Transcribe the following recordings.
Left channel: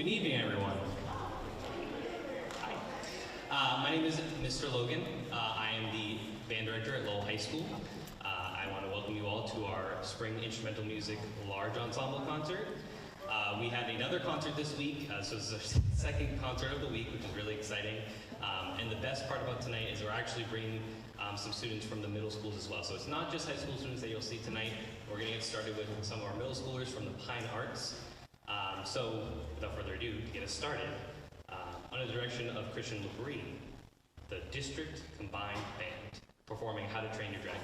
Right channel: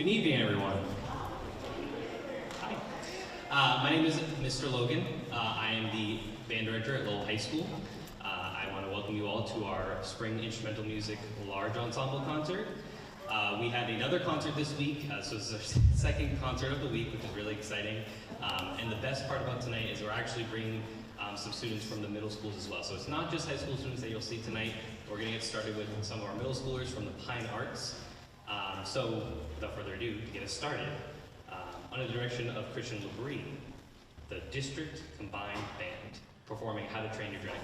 Good evening, everyone. Hi. My name is Mr. Logan. I am the band director at Lowell High School. I want to welcome you all to our Spring Instrumental Music Large Ensemble concert. We had another concert this week, so this is our second concert of the week, which is really exciting. And the best part about tonight is we're actually bringing some students from the middle schools as well. So it's not just high school students that you'll see tonight. We're going to get started with some of our middle schoolers from the Pine Arts. So without further ado, to get us started, under the direction of Christian Labrie, the District Combined Band, performing How to Train Your Dragon.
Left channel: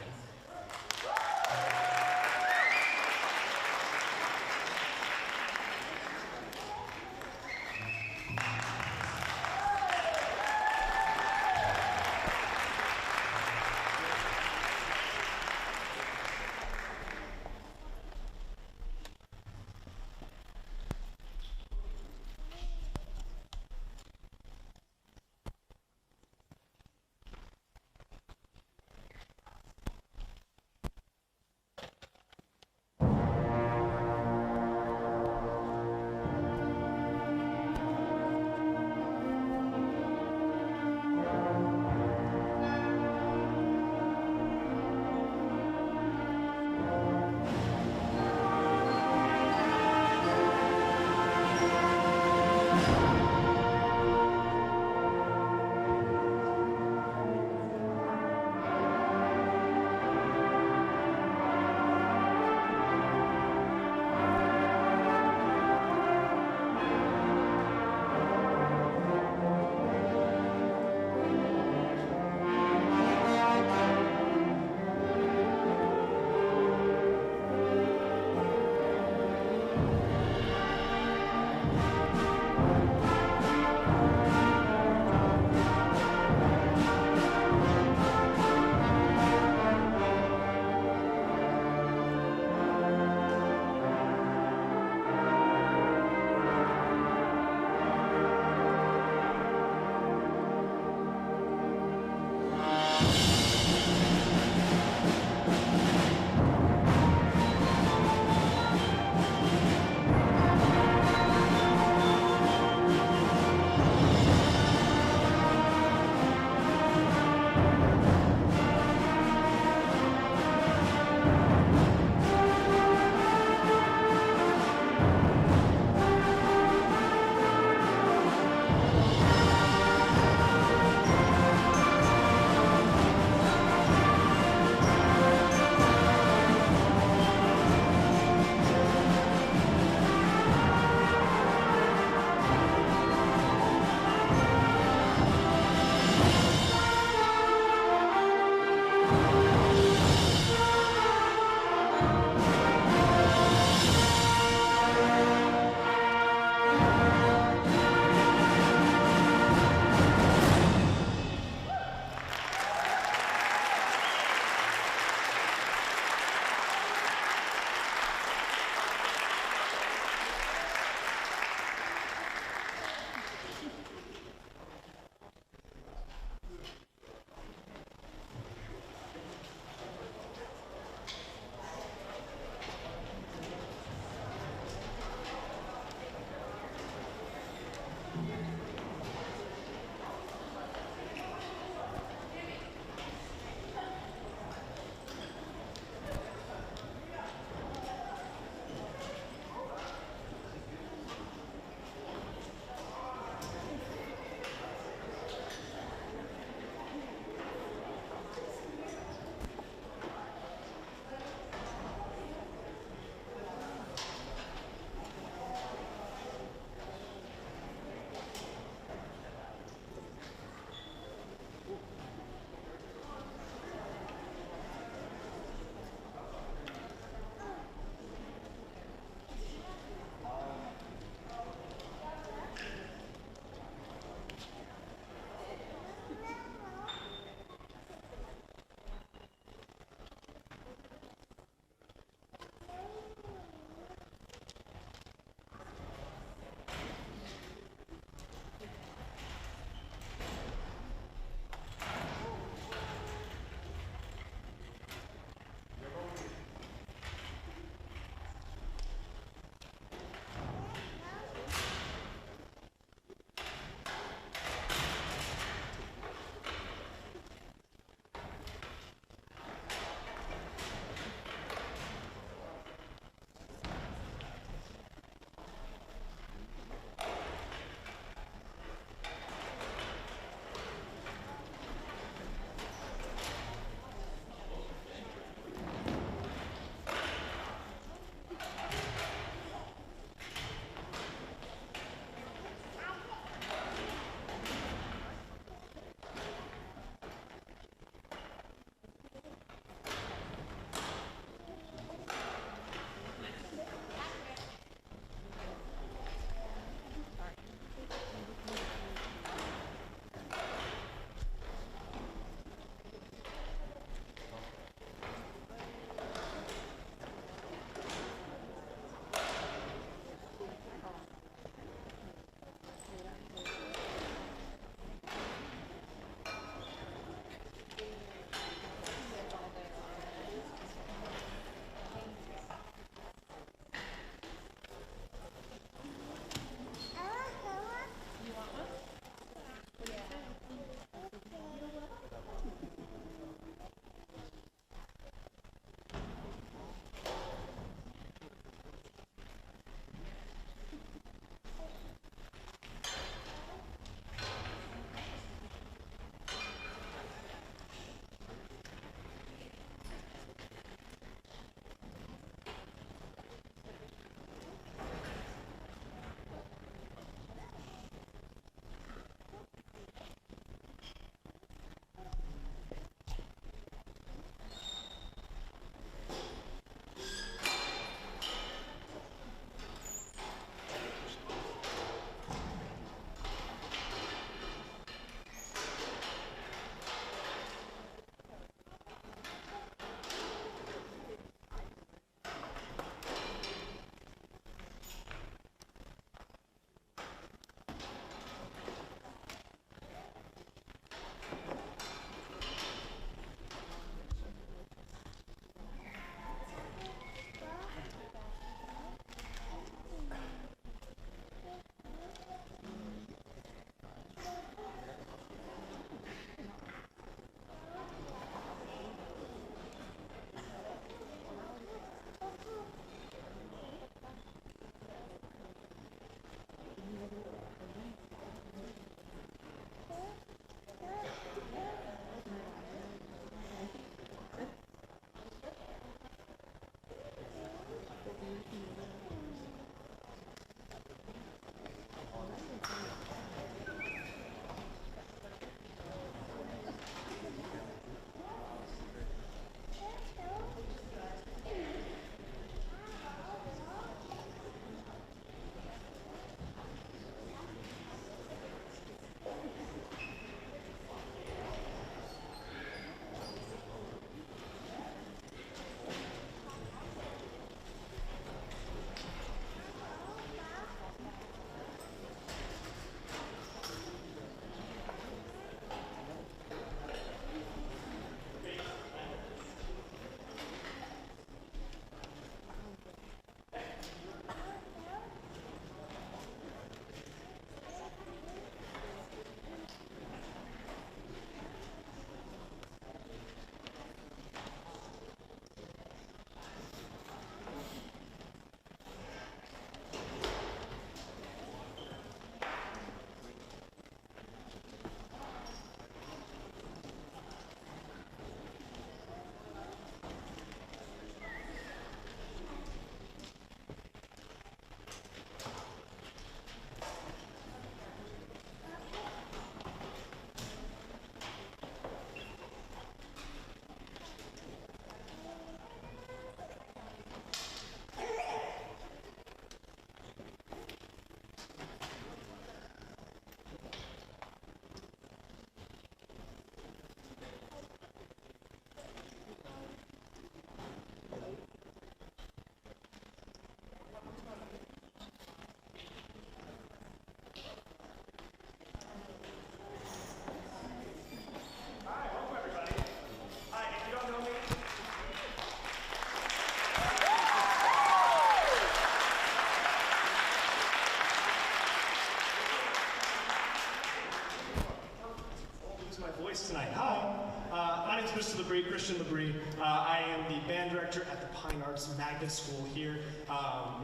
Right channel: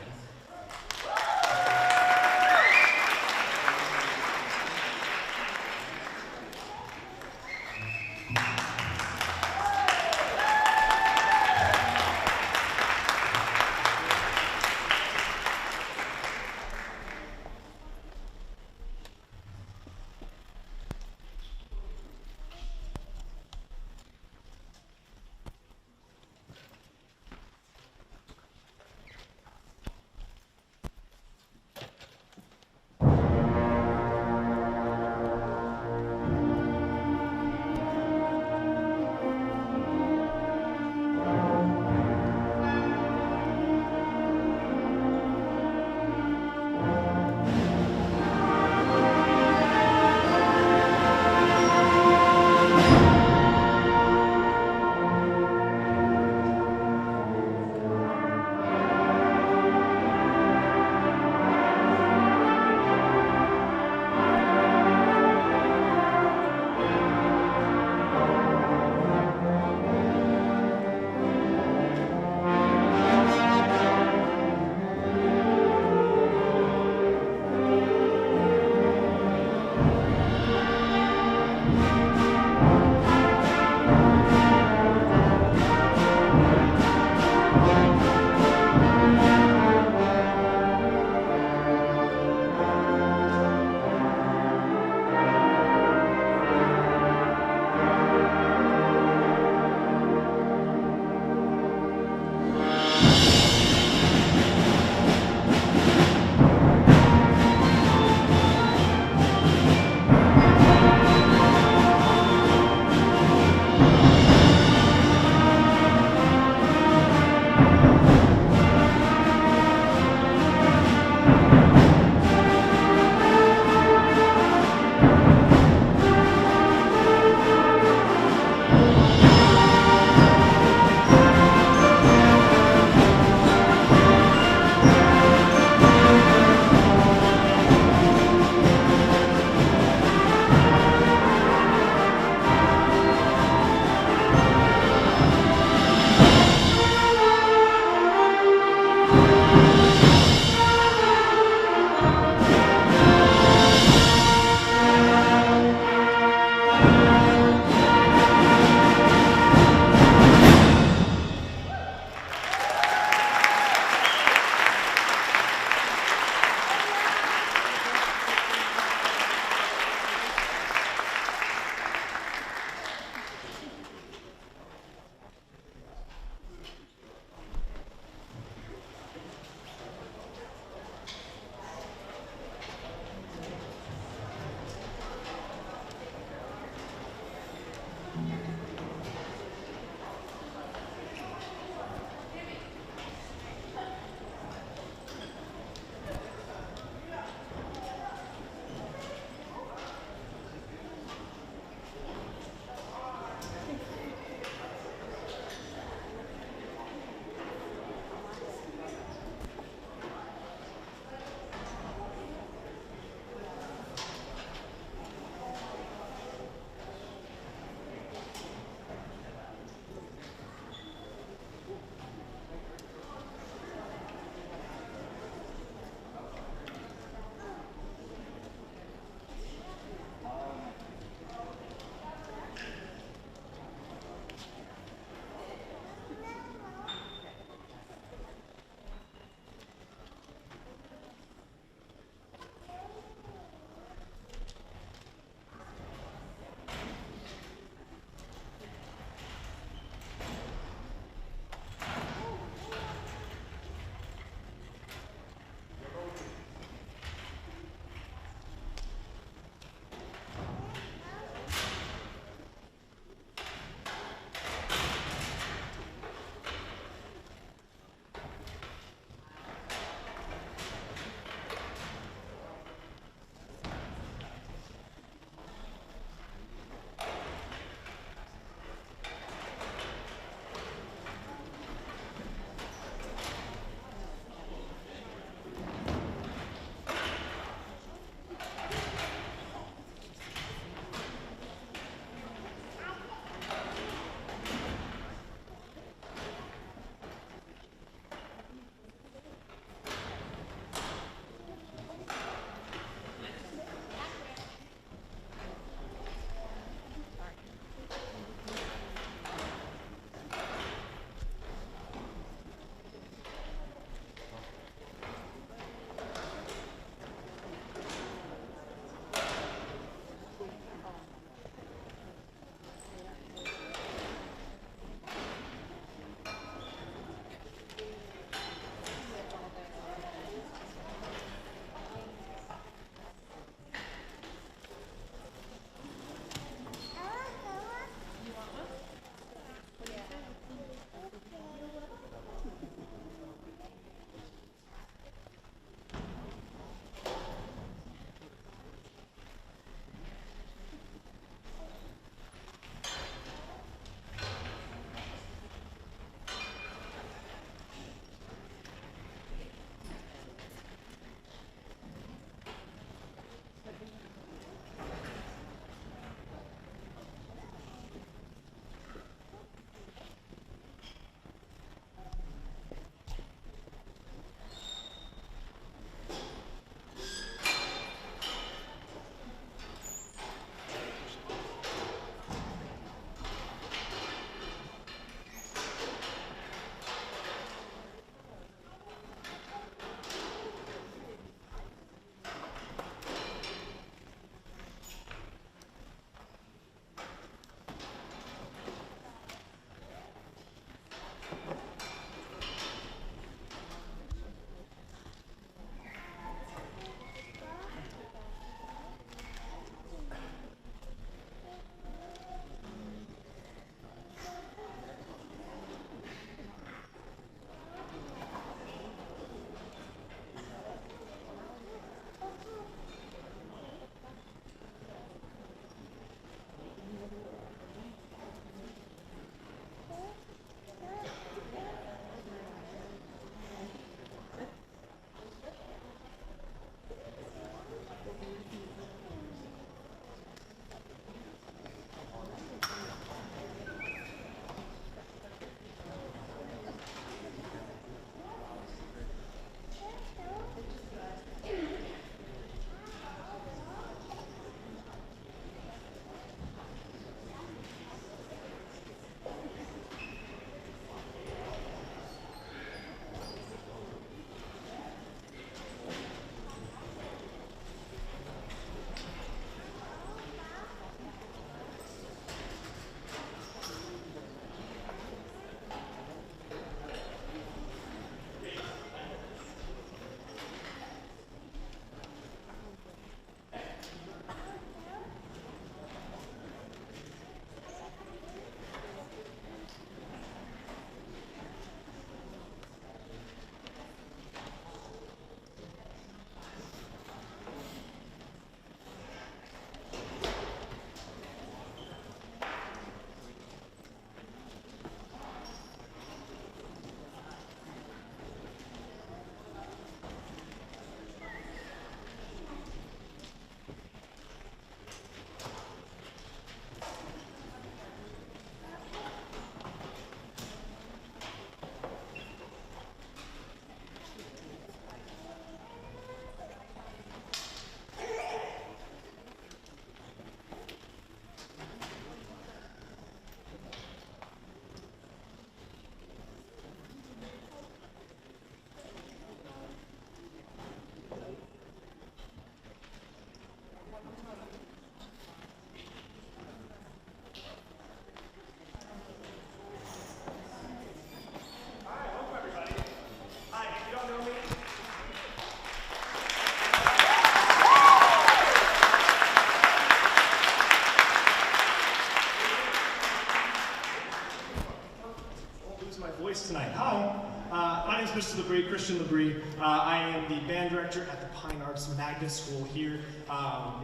Christian Labrie. I am the band director at the Pine Arts Magnet School here.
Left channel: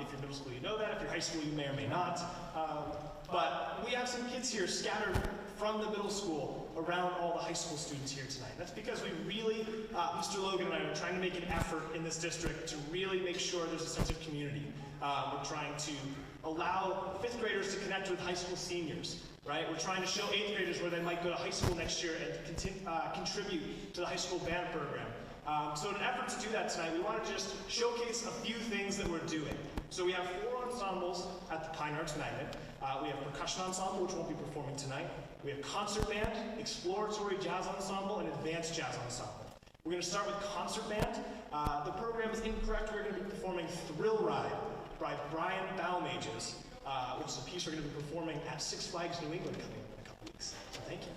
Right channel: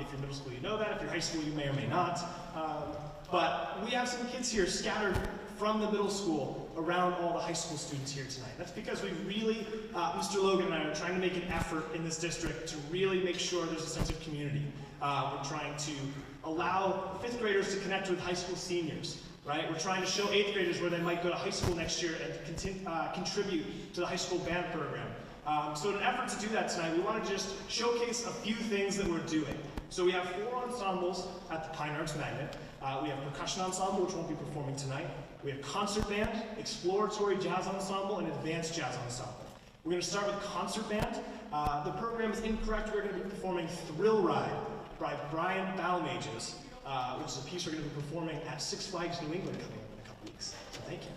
If you're middle school, you know that. If you're high school, you may or may not. But we have some kids here scattered from the middle school around all the high school students here tonight. That's because we really, Mr. Logan and I are trying to make an effort in this district to really make sure there's a sense of community. We're trying to allow 5th graders to connect with high school seniors. Right? We're trying to show 8th graders where they might go to high school next year and contribute to the high school band program. So in an effort to do that tonight, we want to just showcase a few things that we're doing. So we have 4 ensembles at the Pine Arts Magnet. We have percussion ensemble, which won't be performing tonight. We have concert band, exploratory jazz ensemble, and advanced jazz ensemble. We're going to start with concert band. The program is incorrect. We're going to be performing Thrill Ride by Brian Balmages, which is a piece we're going to be performing at Six Flags New England coming up in a couple weeks. So thank you.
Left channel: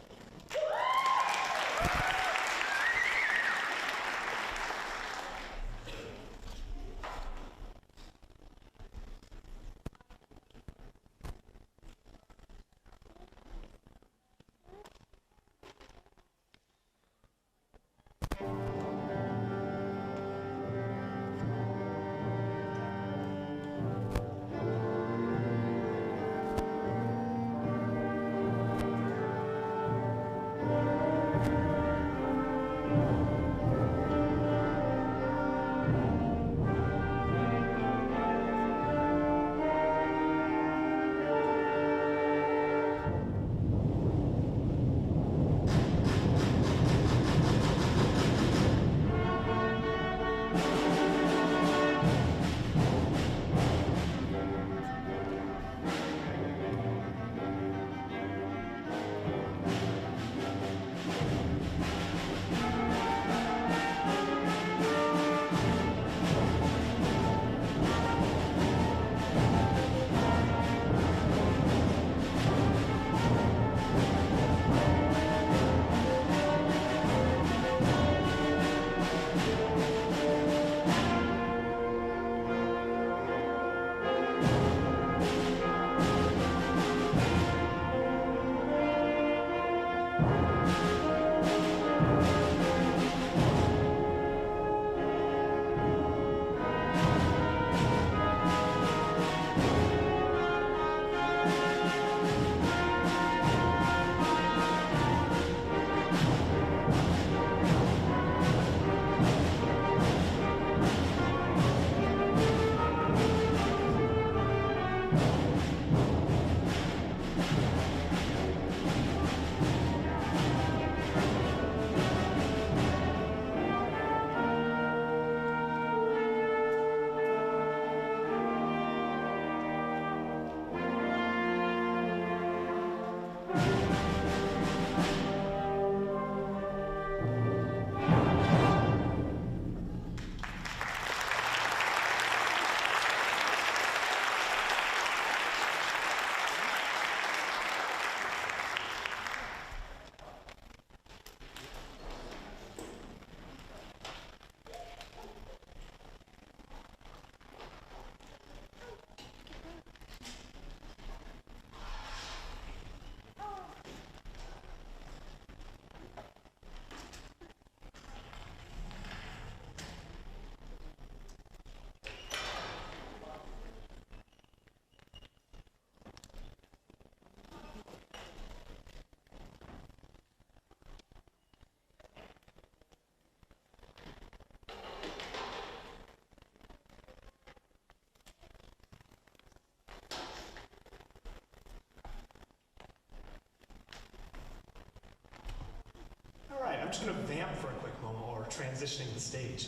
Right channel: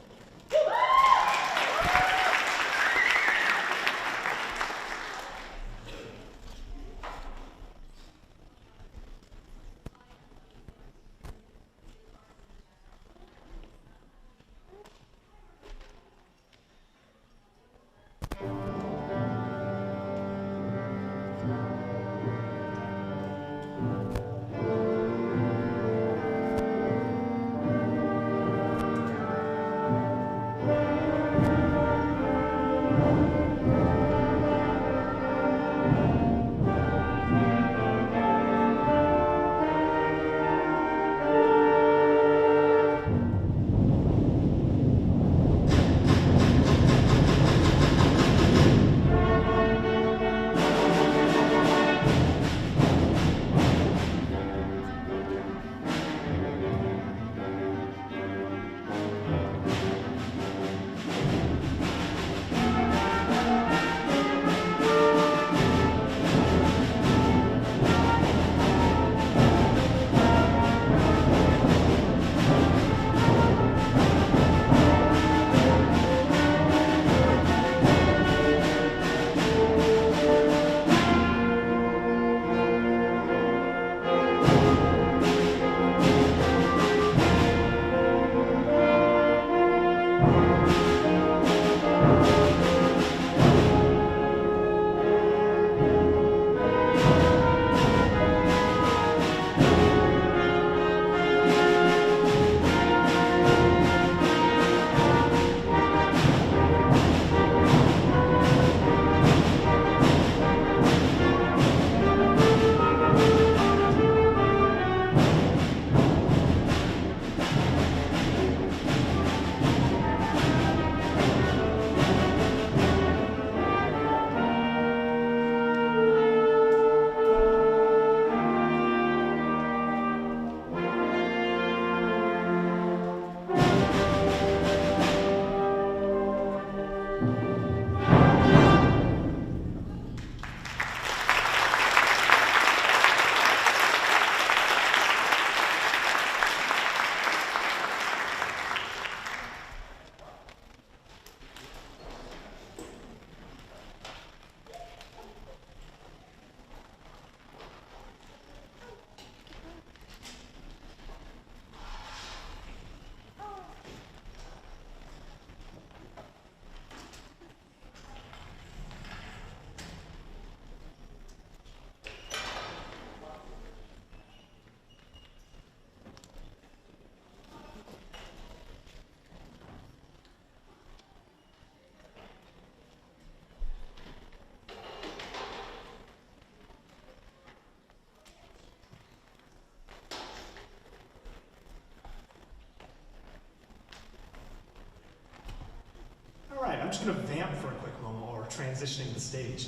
I'm just going to vamp for a quick moment while we're transitioning the stage.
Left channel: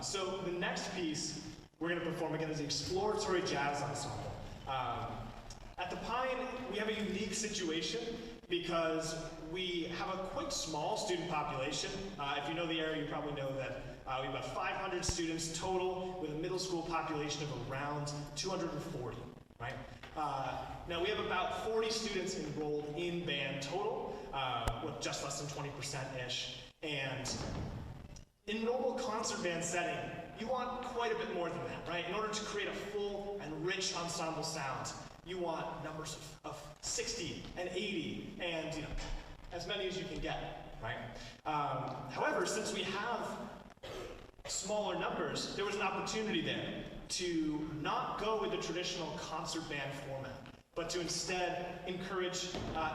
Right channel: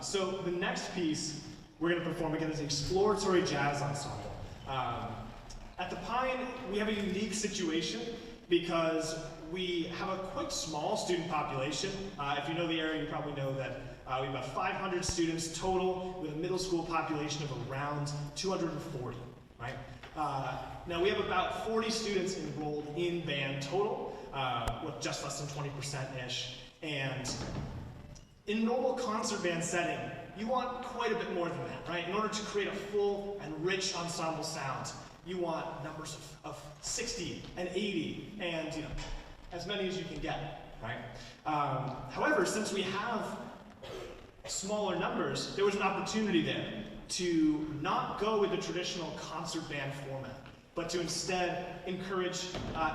So the next piece we're going to perform again is the exploratory jazz ensemble. At the Pine, we have a unique situation because we have a quite small student population. If you know the area, you probably know that we have about 500 students total with a middle school population of around 240, right? Now we have about 40 students enrolled in band total, with just less than 20%-ish. And in normal concert band setting, you want quite a bit more than that, right? In order to create a full and rich ensemble sound, you want numbers of 60 and 80 and as many as you can get, right? However, since we have smaller numbers, there was an opportunity there to not go with the traditional concert band format, but to instead encourage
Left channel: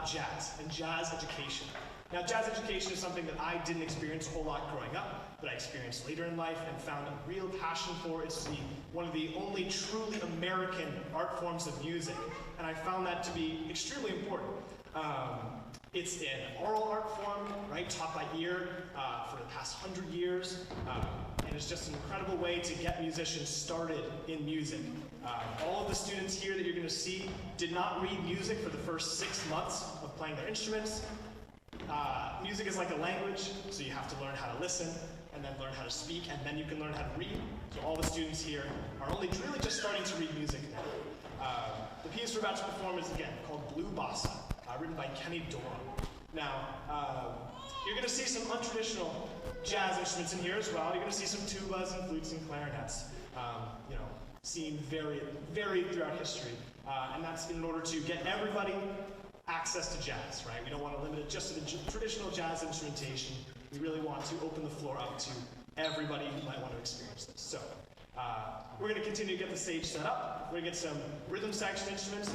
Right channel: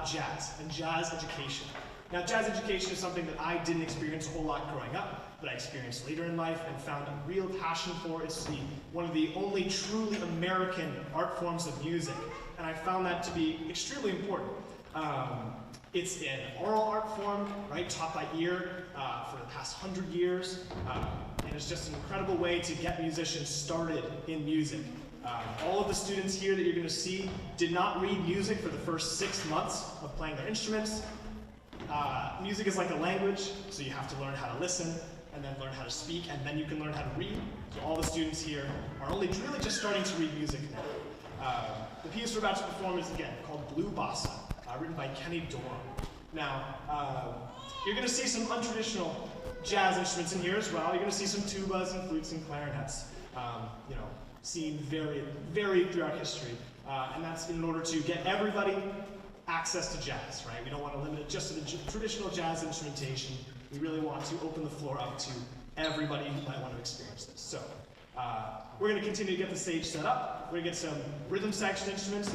jazz and jazz education. Now, jazz education is something that I didn't experience a whole lot growing up, but I experienced later in life and found a real passion for. It's one of the only truly American art forms of music, and I found that to be extremely important. It's an oral art form, right, taught by ear for the past 100 years, and it's just an incredible way to get musicians started in music. All of the students here that you're going to see did not read music for the first 6 months of playing their instruments. Music is like a language, so you have to learn how to listen, and then learn how to speak, and then you can learn how to read. So all the students here are only really just starting to read music now. The piece we're about to perform is, again, called Blue Bossa, written by Kenny Dorham. Now, you're going to see some untraditional jazz instruments in here as well. You're going to see some tubas and flutes and clarinets, seen varied throughout history. And that's in order to get everybody access to jazz, right? We don't want to limit it just to the traditional jazz instrumentation. We really want to open the floor up to everybody who might want to experience this. So, we're going to continue to get the stage set up. We're going to get some rhythm section instruments,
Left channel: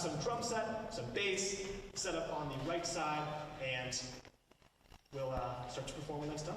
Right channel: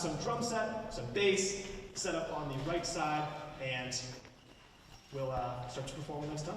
some drum set, some bass set up on the right side, and we'll start to perform when that's done.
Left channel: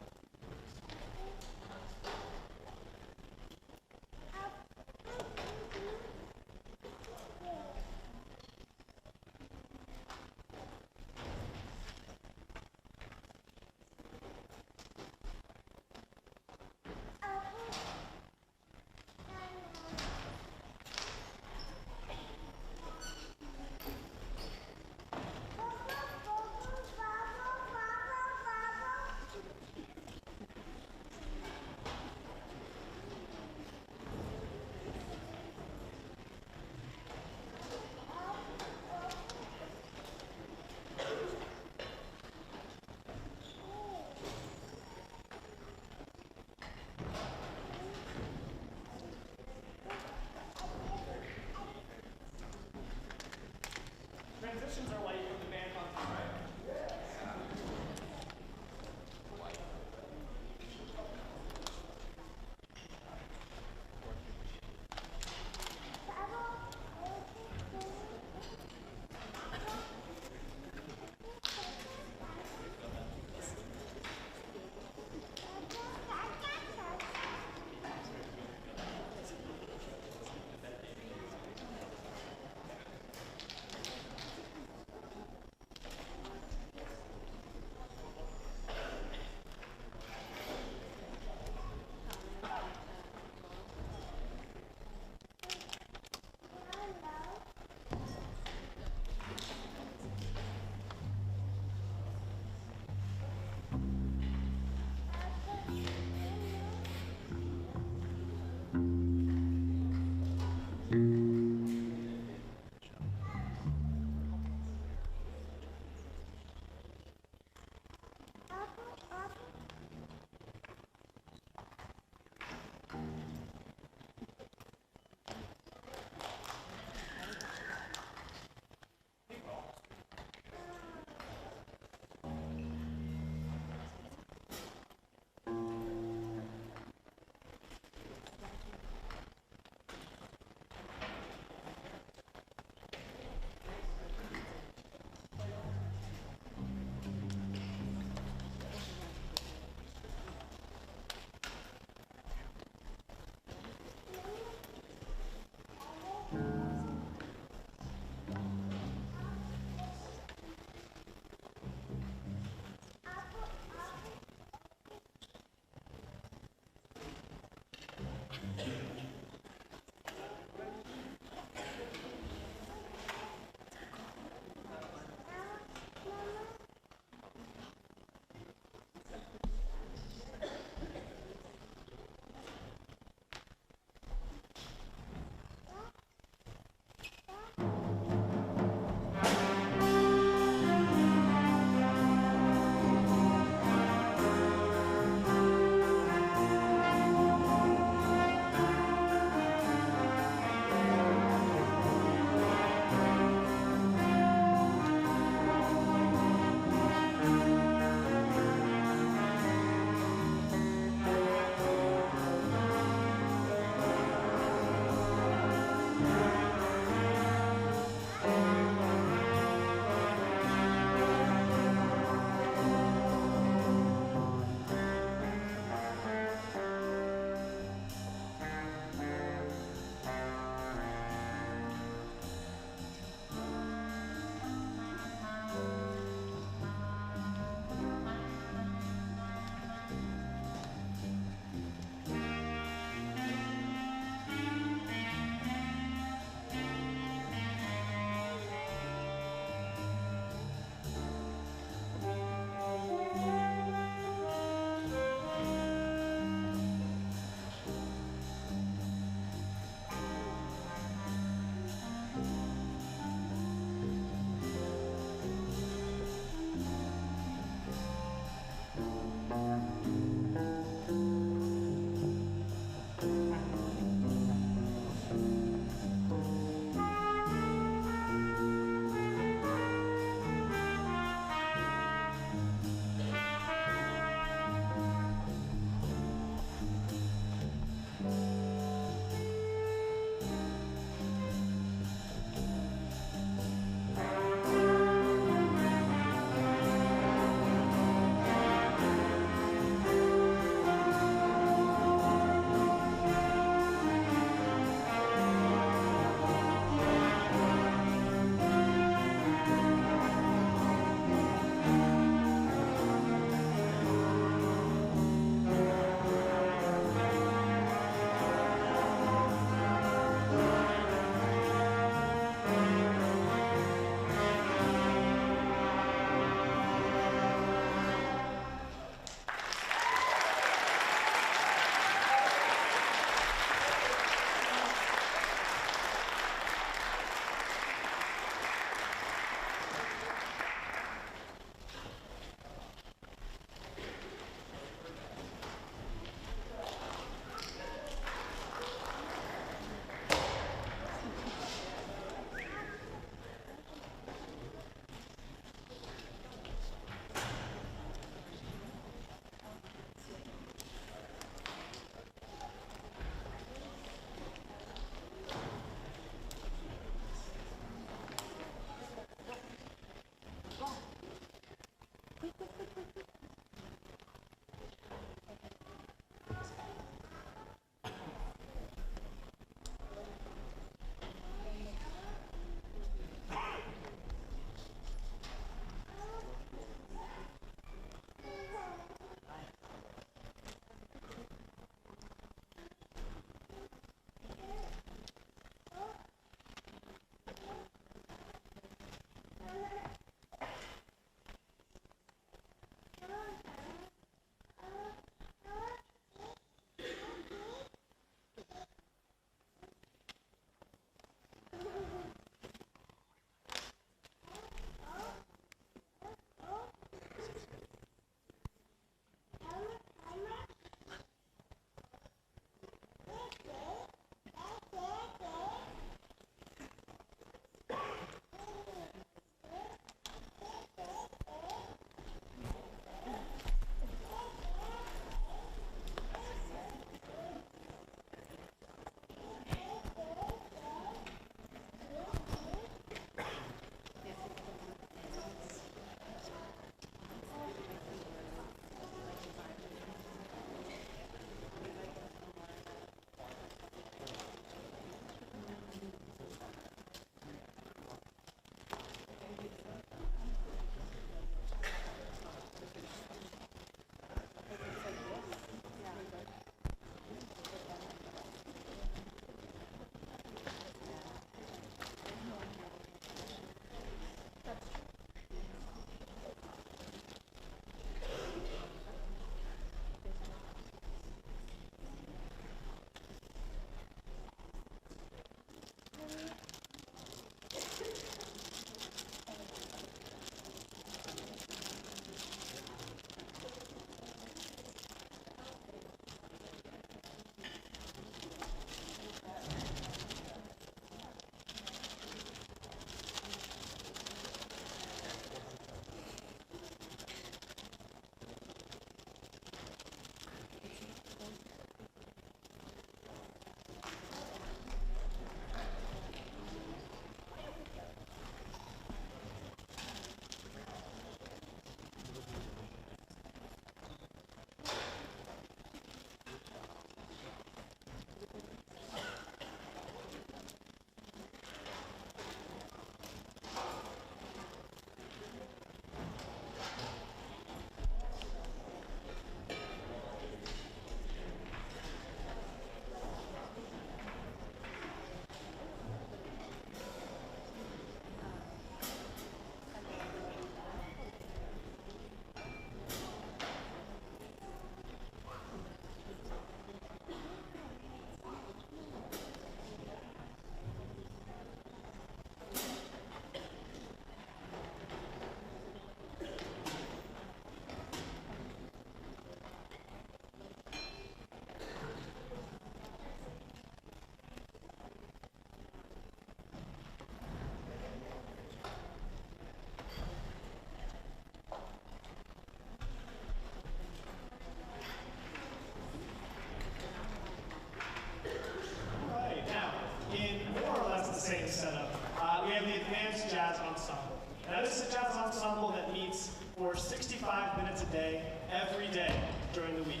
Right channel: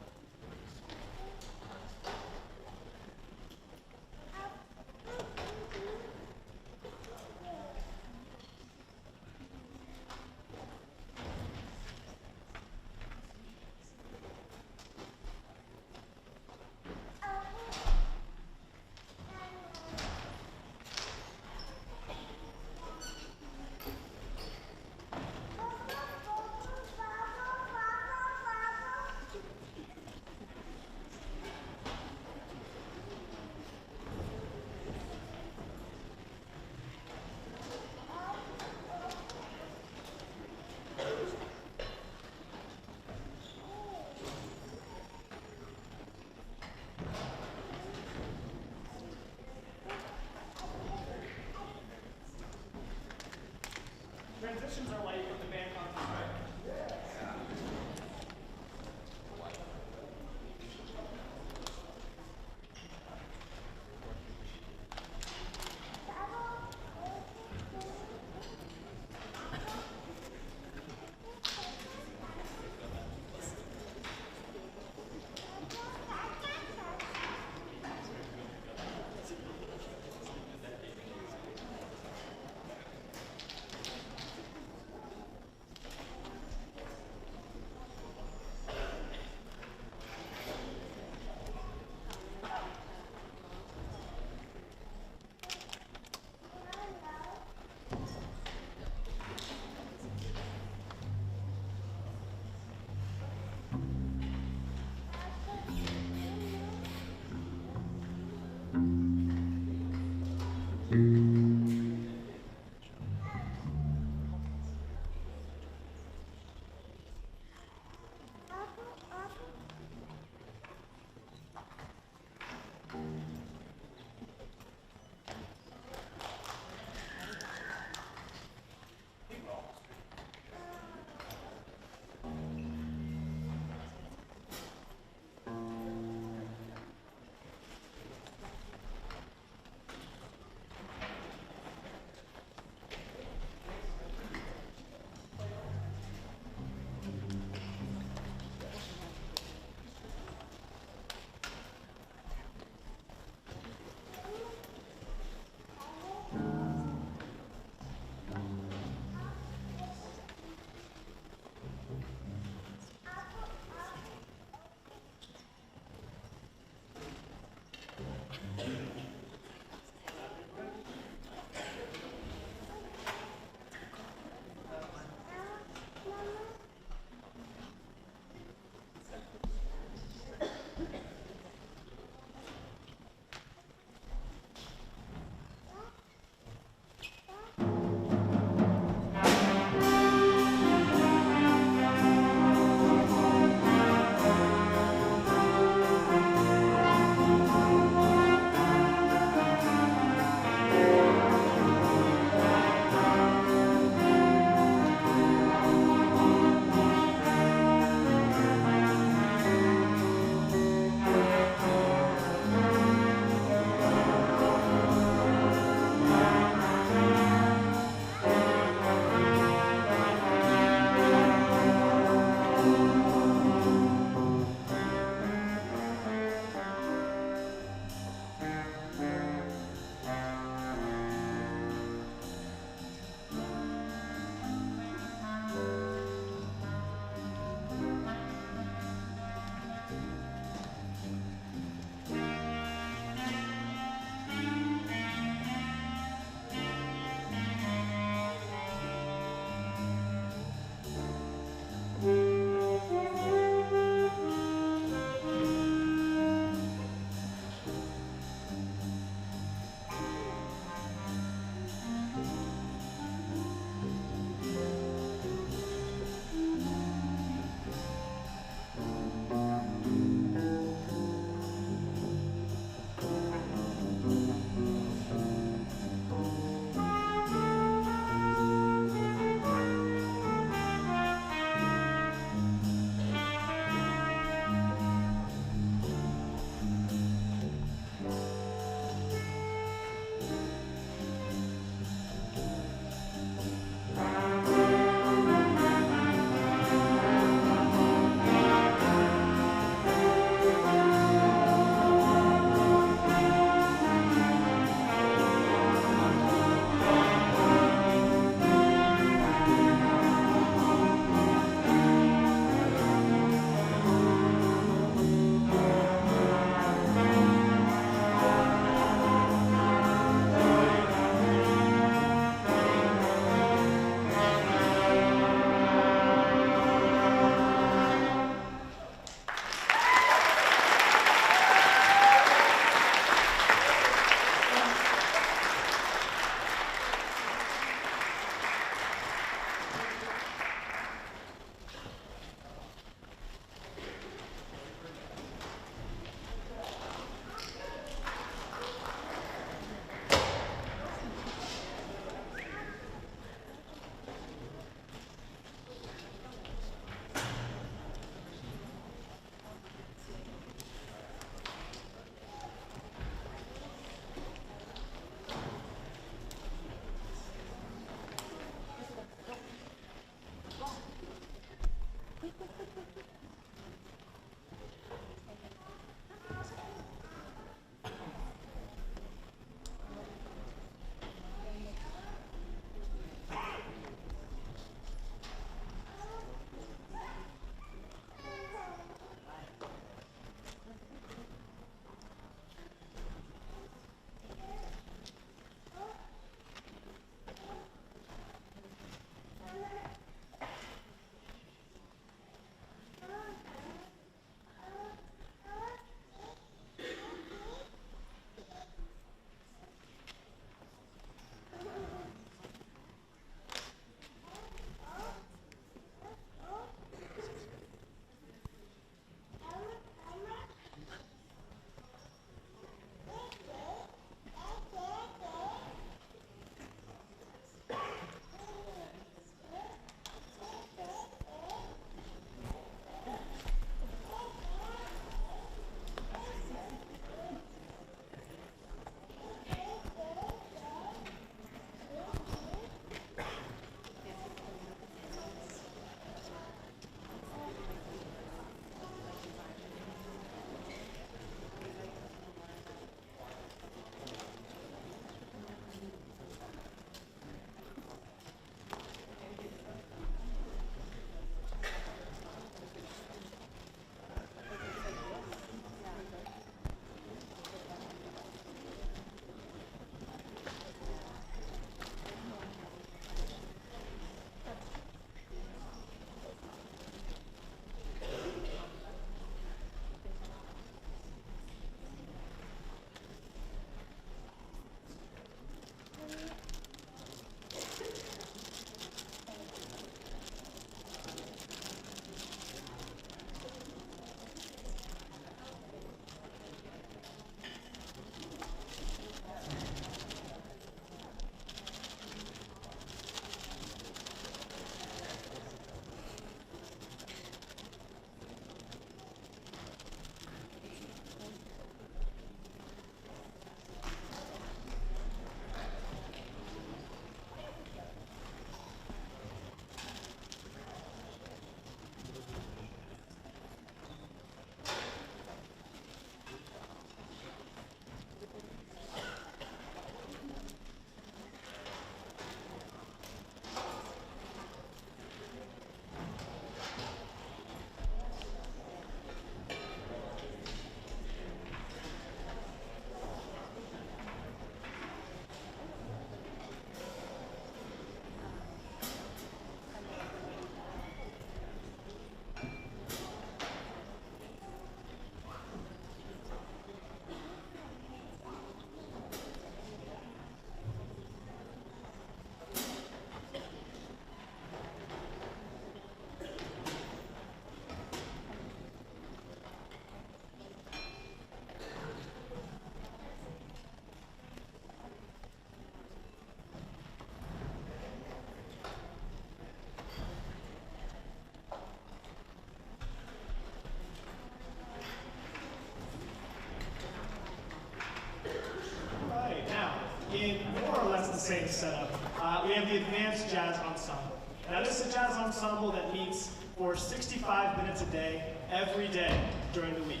25 minutes a day, every day during the week.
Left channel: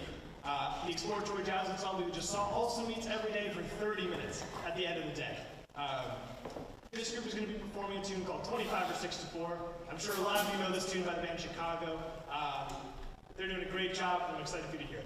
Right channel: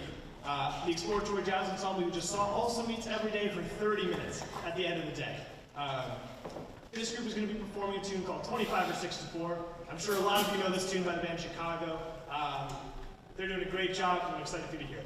The exploratory jazz ensemble you just saw also meets every day for 30 minutes at the end of the day. This group is going to be performing a tune called 25 or 64. I'm sure a lot of you know this tune by the band Chicago. They're doing a great job, and I'm excited for you to hear it.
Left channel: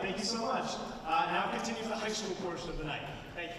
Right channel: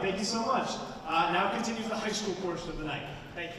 Thank you so much. Now continues the high school portion of the night. Thank you.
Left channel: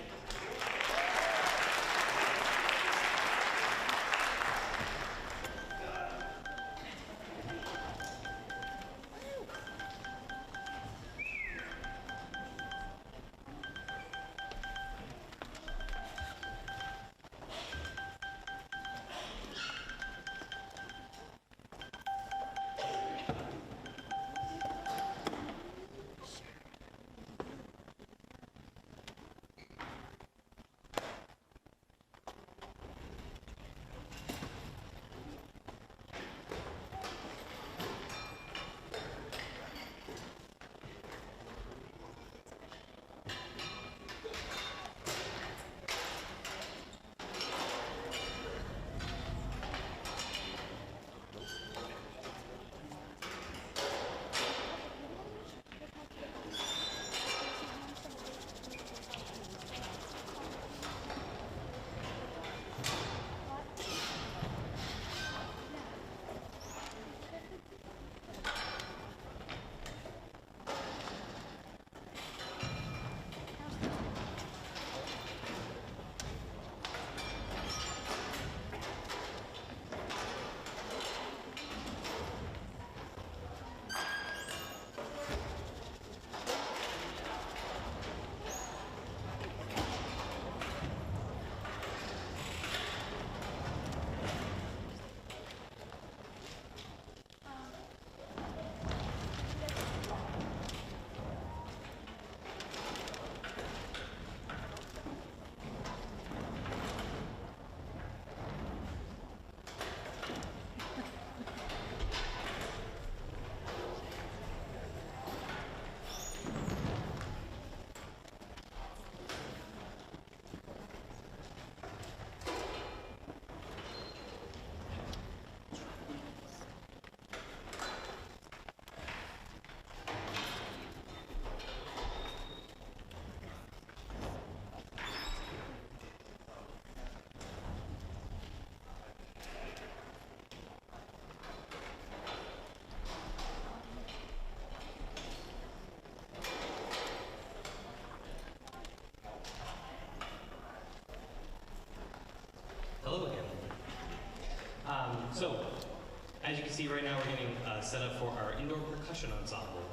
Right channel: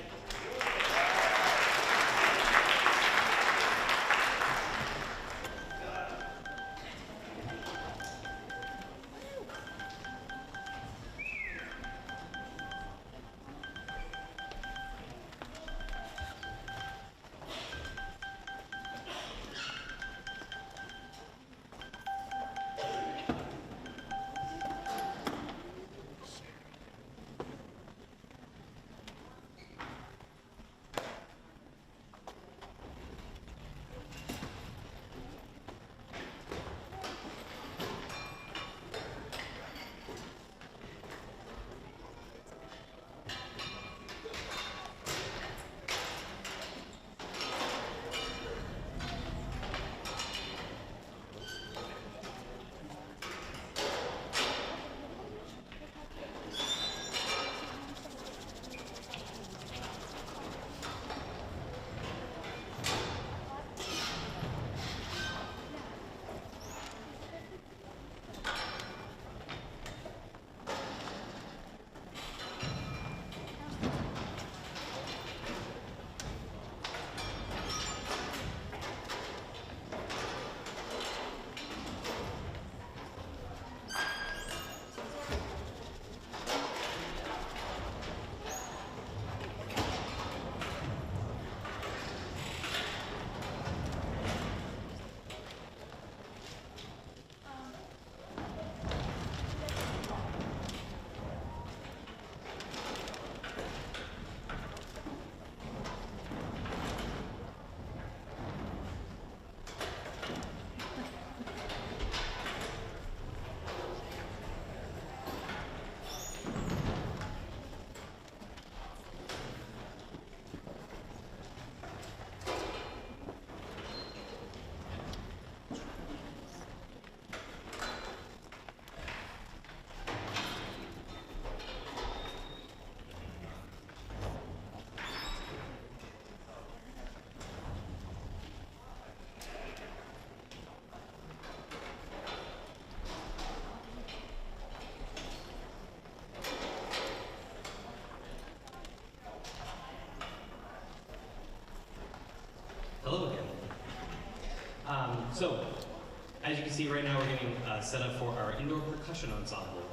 as you can see right now, we're getting set up for our indoor percussion ensemble.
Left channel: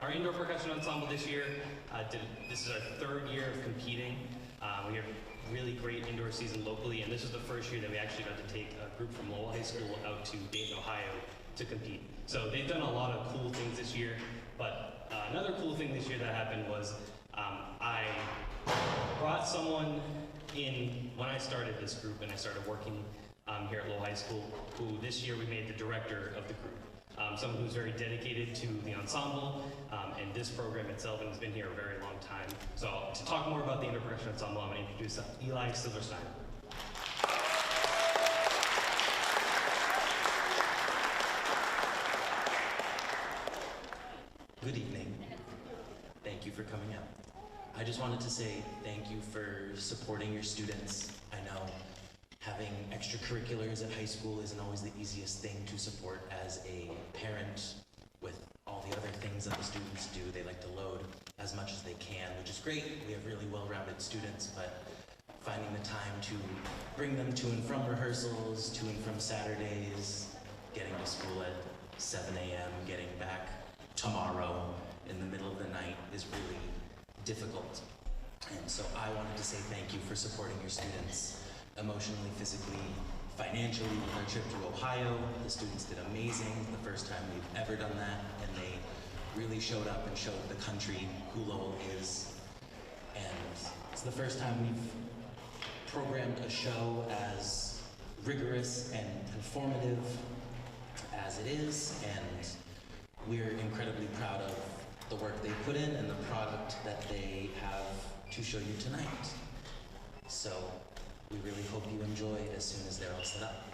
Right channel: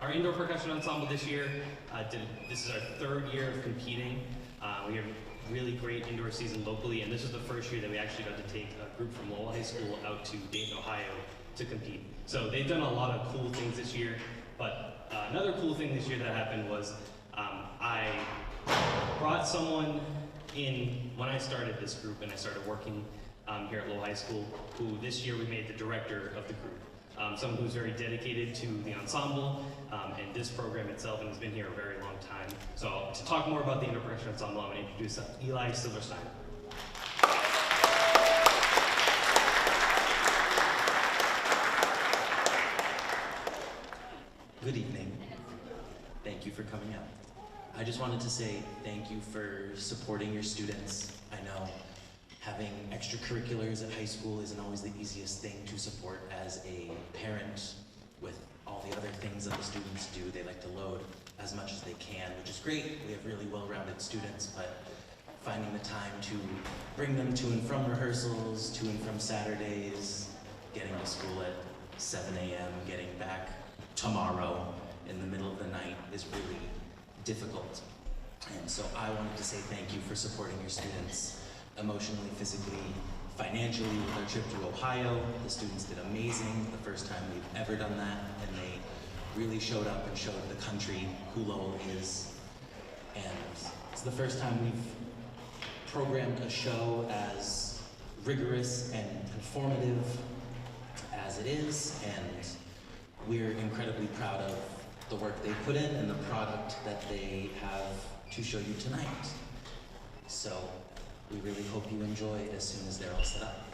Our indoor percussion ensemble this year, this is our third year of competing. We have a really great indoor season locally, and this is the first year that we actually got to take a group from Lowell High School out to Dayton, Ohio to compete. So they've done a lot of cool things this year, but another cool thing this year that happened was I brought someone in when I started this group and I started working here at Lowell High School, who this year we made the director of the group. Someone who's very dedicated to the ensemble and this program itself, and has been here a very long time. So to talk more about the indoor percussion ensemble, I'm going to introduce Eli Silverstein. Good evening. Thank you for coming out. I just wanted to say thank you for supporting your students. I know having extracurriculars at high school isn't always the easiest thing to support as a parent with all the other things that the students do. They like to load as much as they can, which is great. We have really well-rounded students, but finding the time to bring them to and from rehearsals, to and from Saturdays, getting to school at 7 a.m., getting back tomorrow in the middle of the night is really difficult. And so I wanted to say thank you for supporting your students emotionally, physically, financially with our trip to Ohio. The students did amazing, the first time we've ever done that, and they really showed up and showed the country who Lowell is. And it's the first time we've programmed a show as rigorous and informative as it is, and we're incredibly proud of the work they put in and the product that they have to show you tonight. So we really hope you enjoy as soon as they're all set up.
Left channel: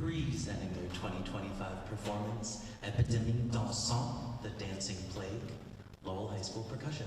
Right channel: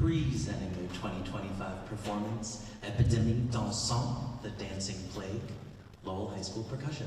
Presenting their 2025 performance, Epidemic Dansant, the Dancing Plague, Lowell High School Percussion.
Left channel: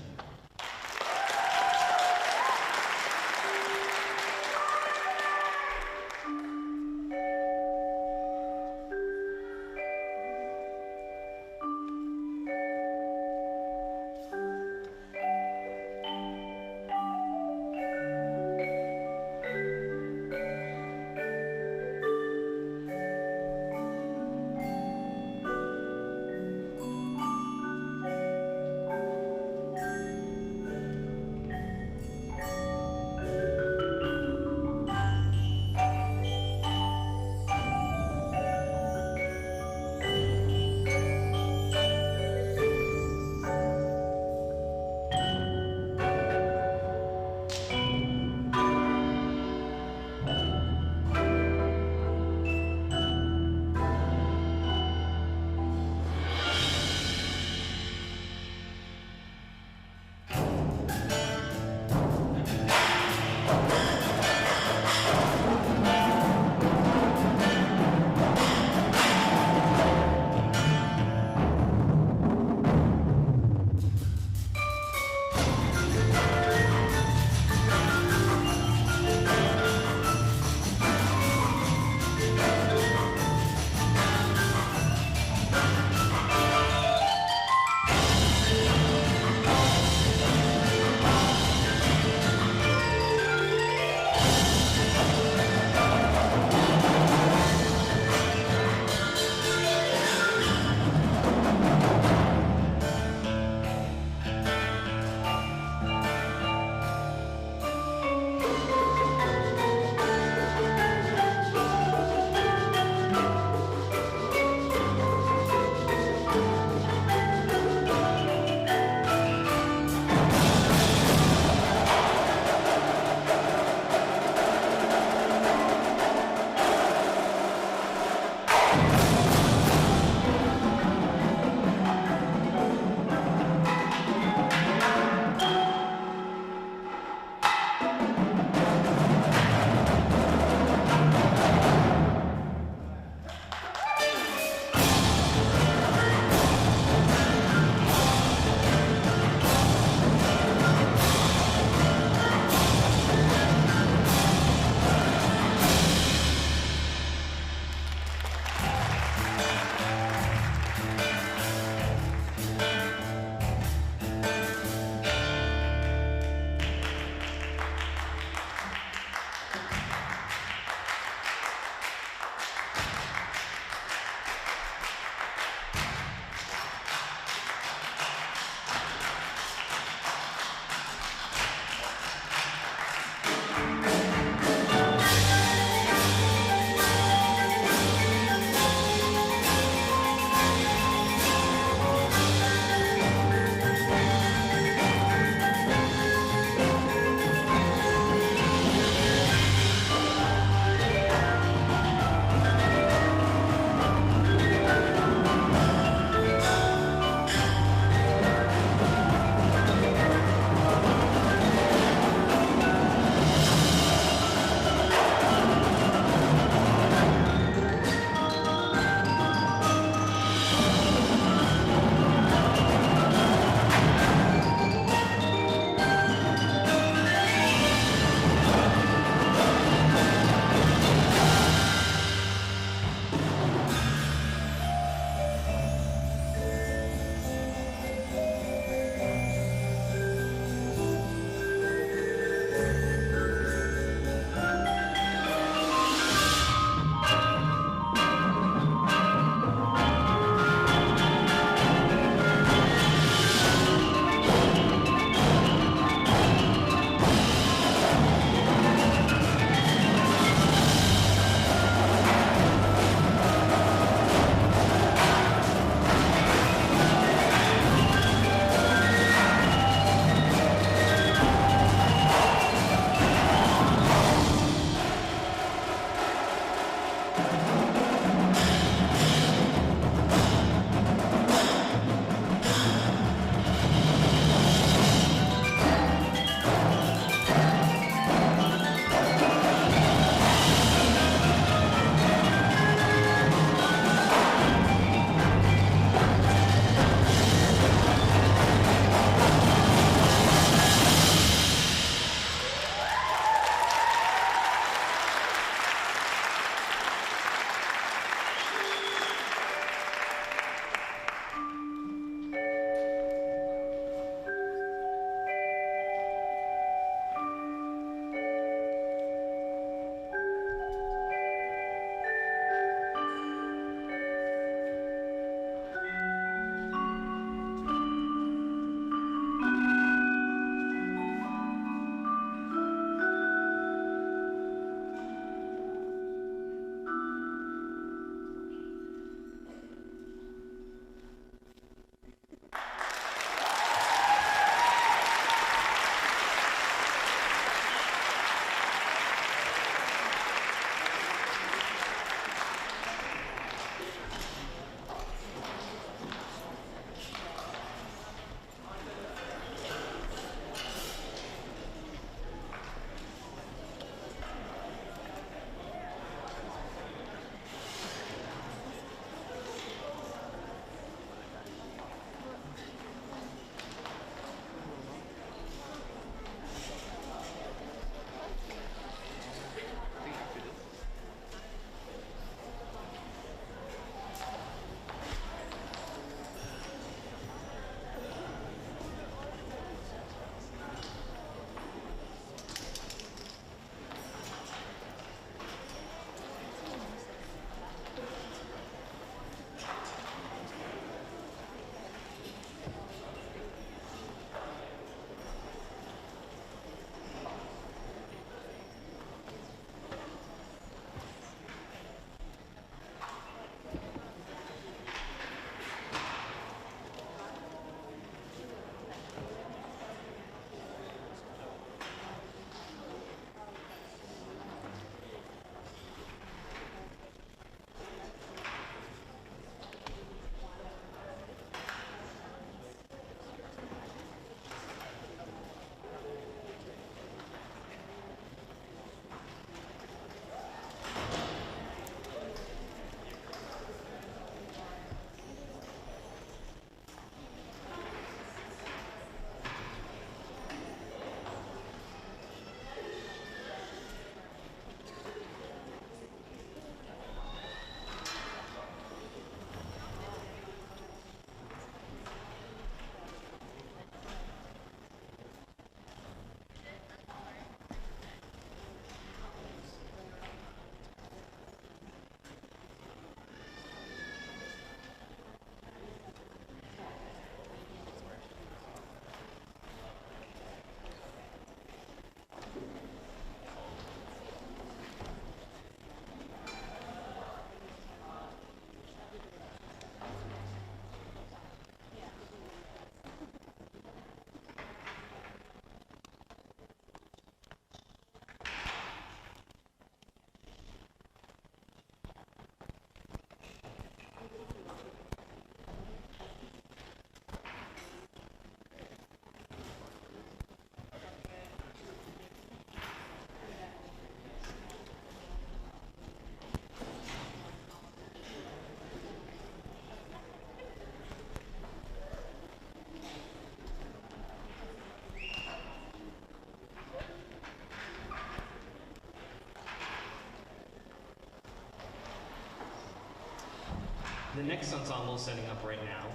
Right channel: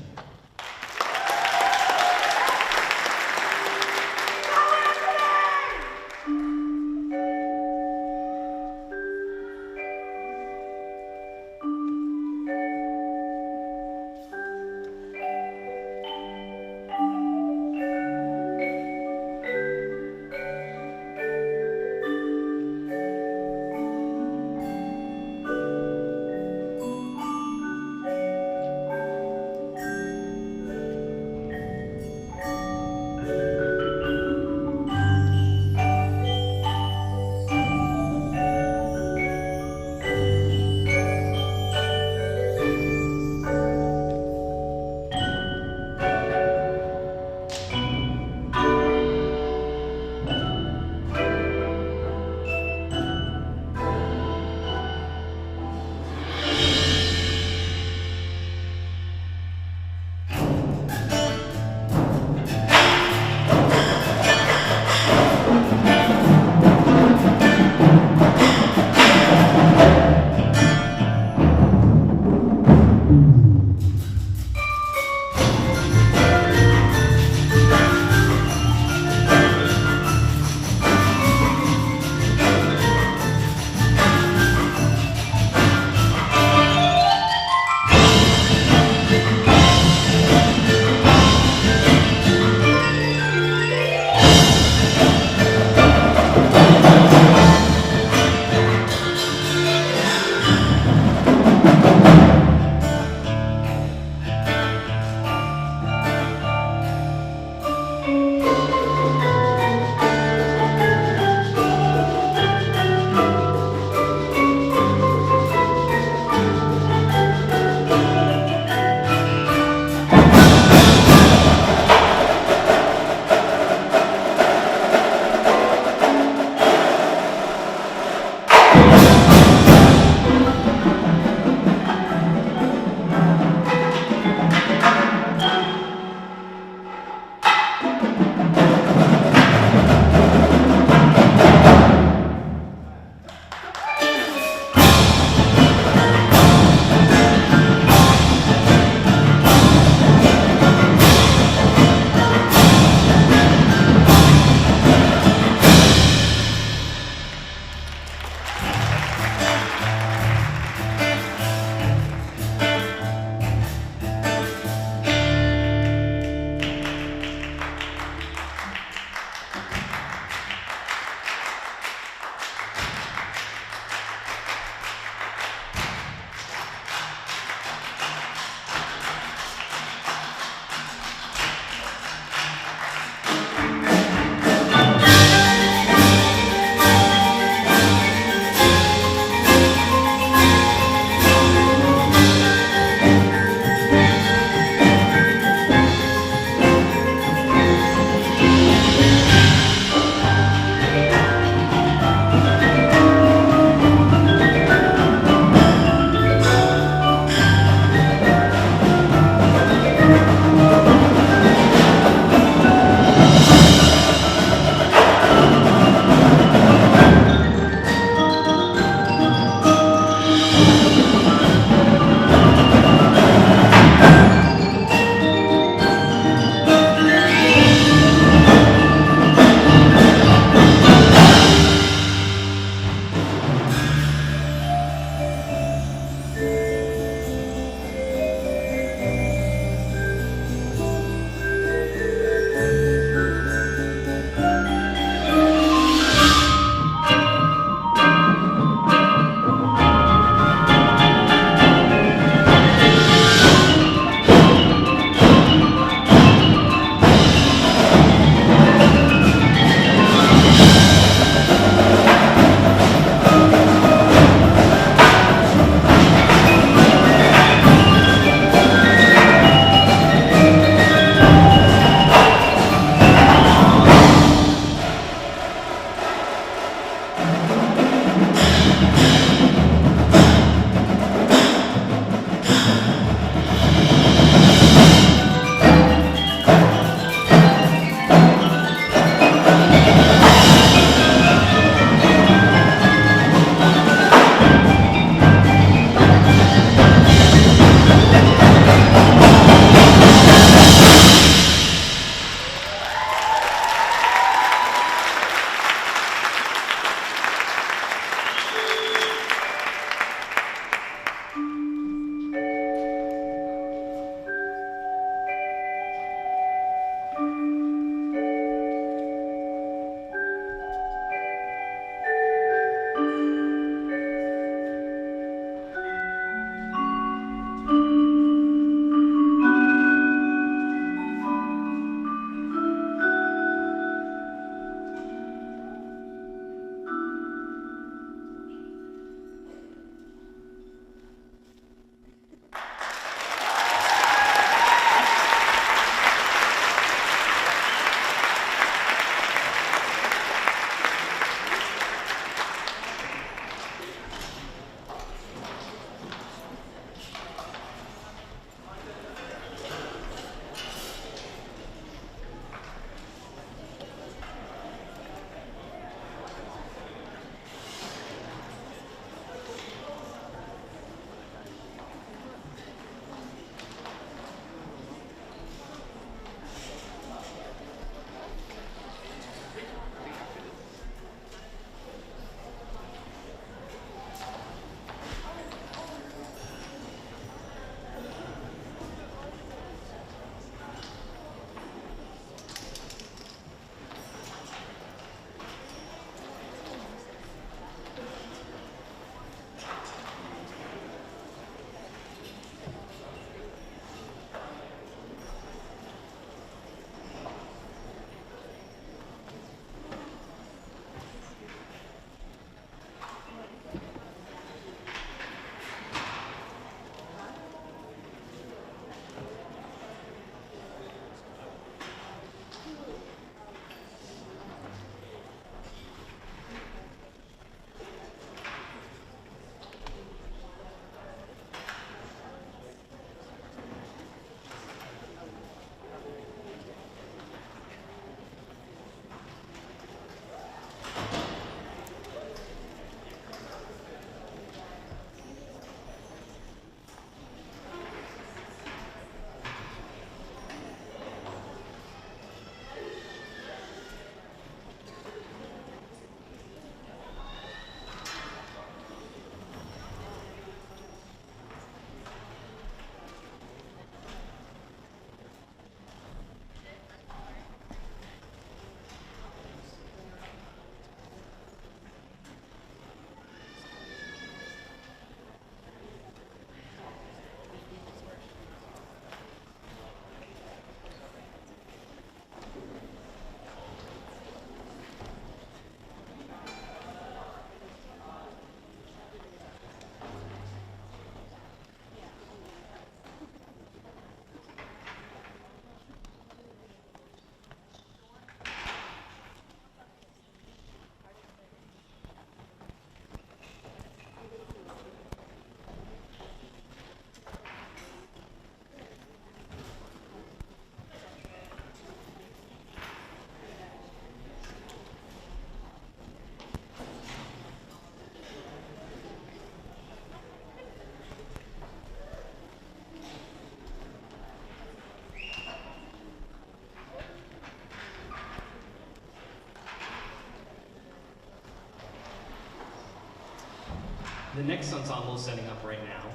The next ensemble setting up right now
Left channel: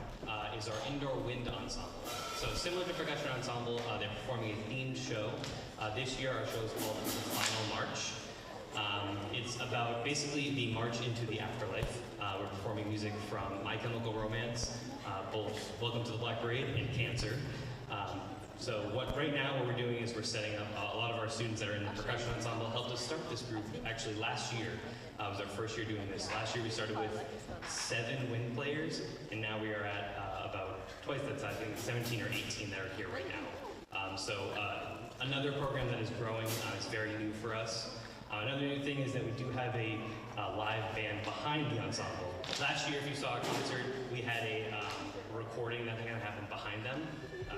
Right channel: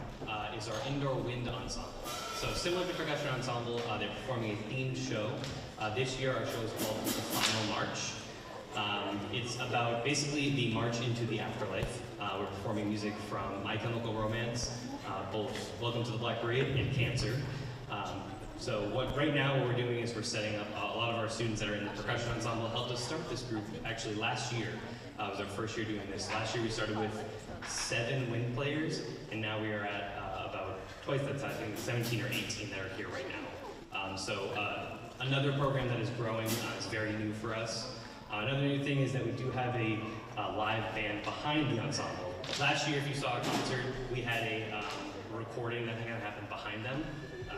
is our indoor wind ensemble. So similar to percussion ensemble, they're performing a themed show. This year our show is called The Final March. It's about basically the march into the afterlife. We're performing music from My Chemical Romance, both Welcome to the Black Parade and Cancer. Right now what we're doing is we're setting up a lot of our students that are in the percussion ensemble helped us start this group actually last year. It was our first year doing this. Last year we started with 7 wind players, and now we are at about twice that size, I think 17 or 18 that are here right now. Another program that is growing, is very new for us. Another new thing is that we do have a live band behind the ensemble. Last year, if you saw a concert, we had a recording that kind of happened behind them.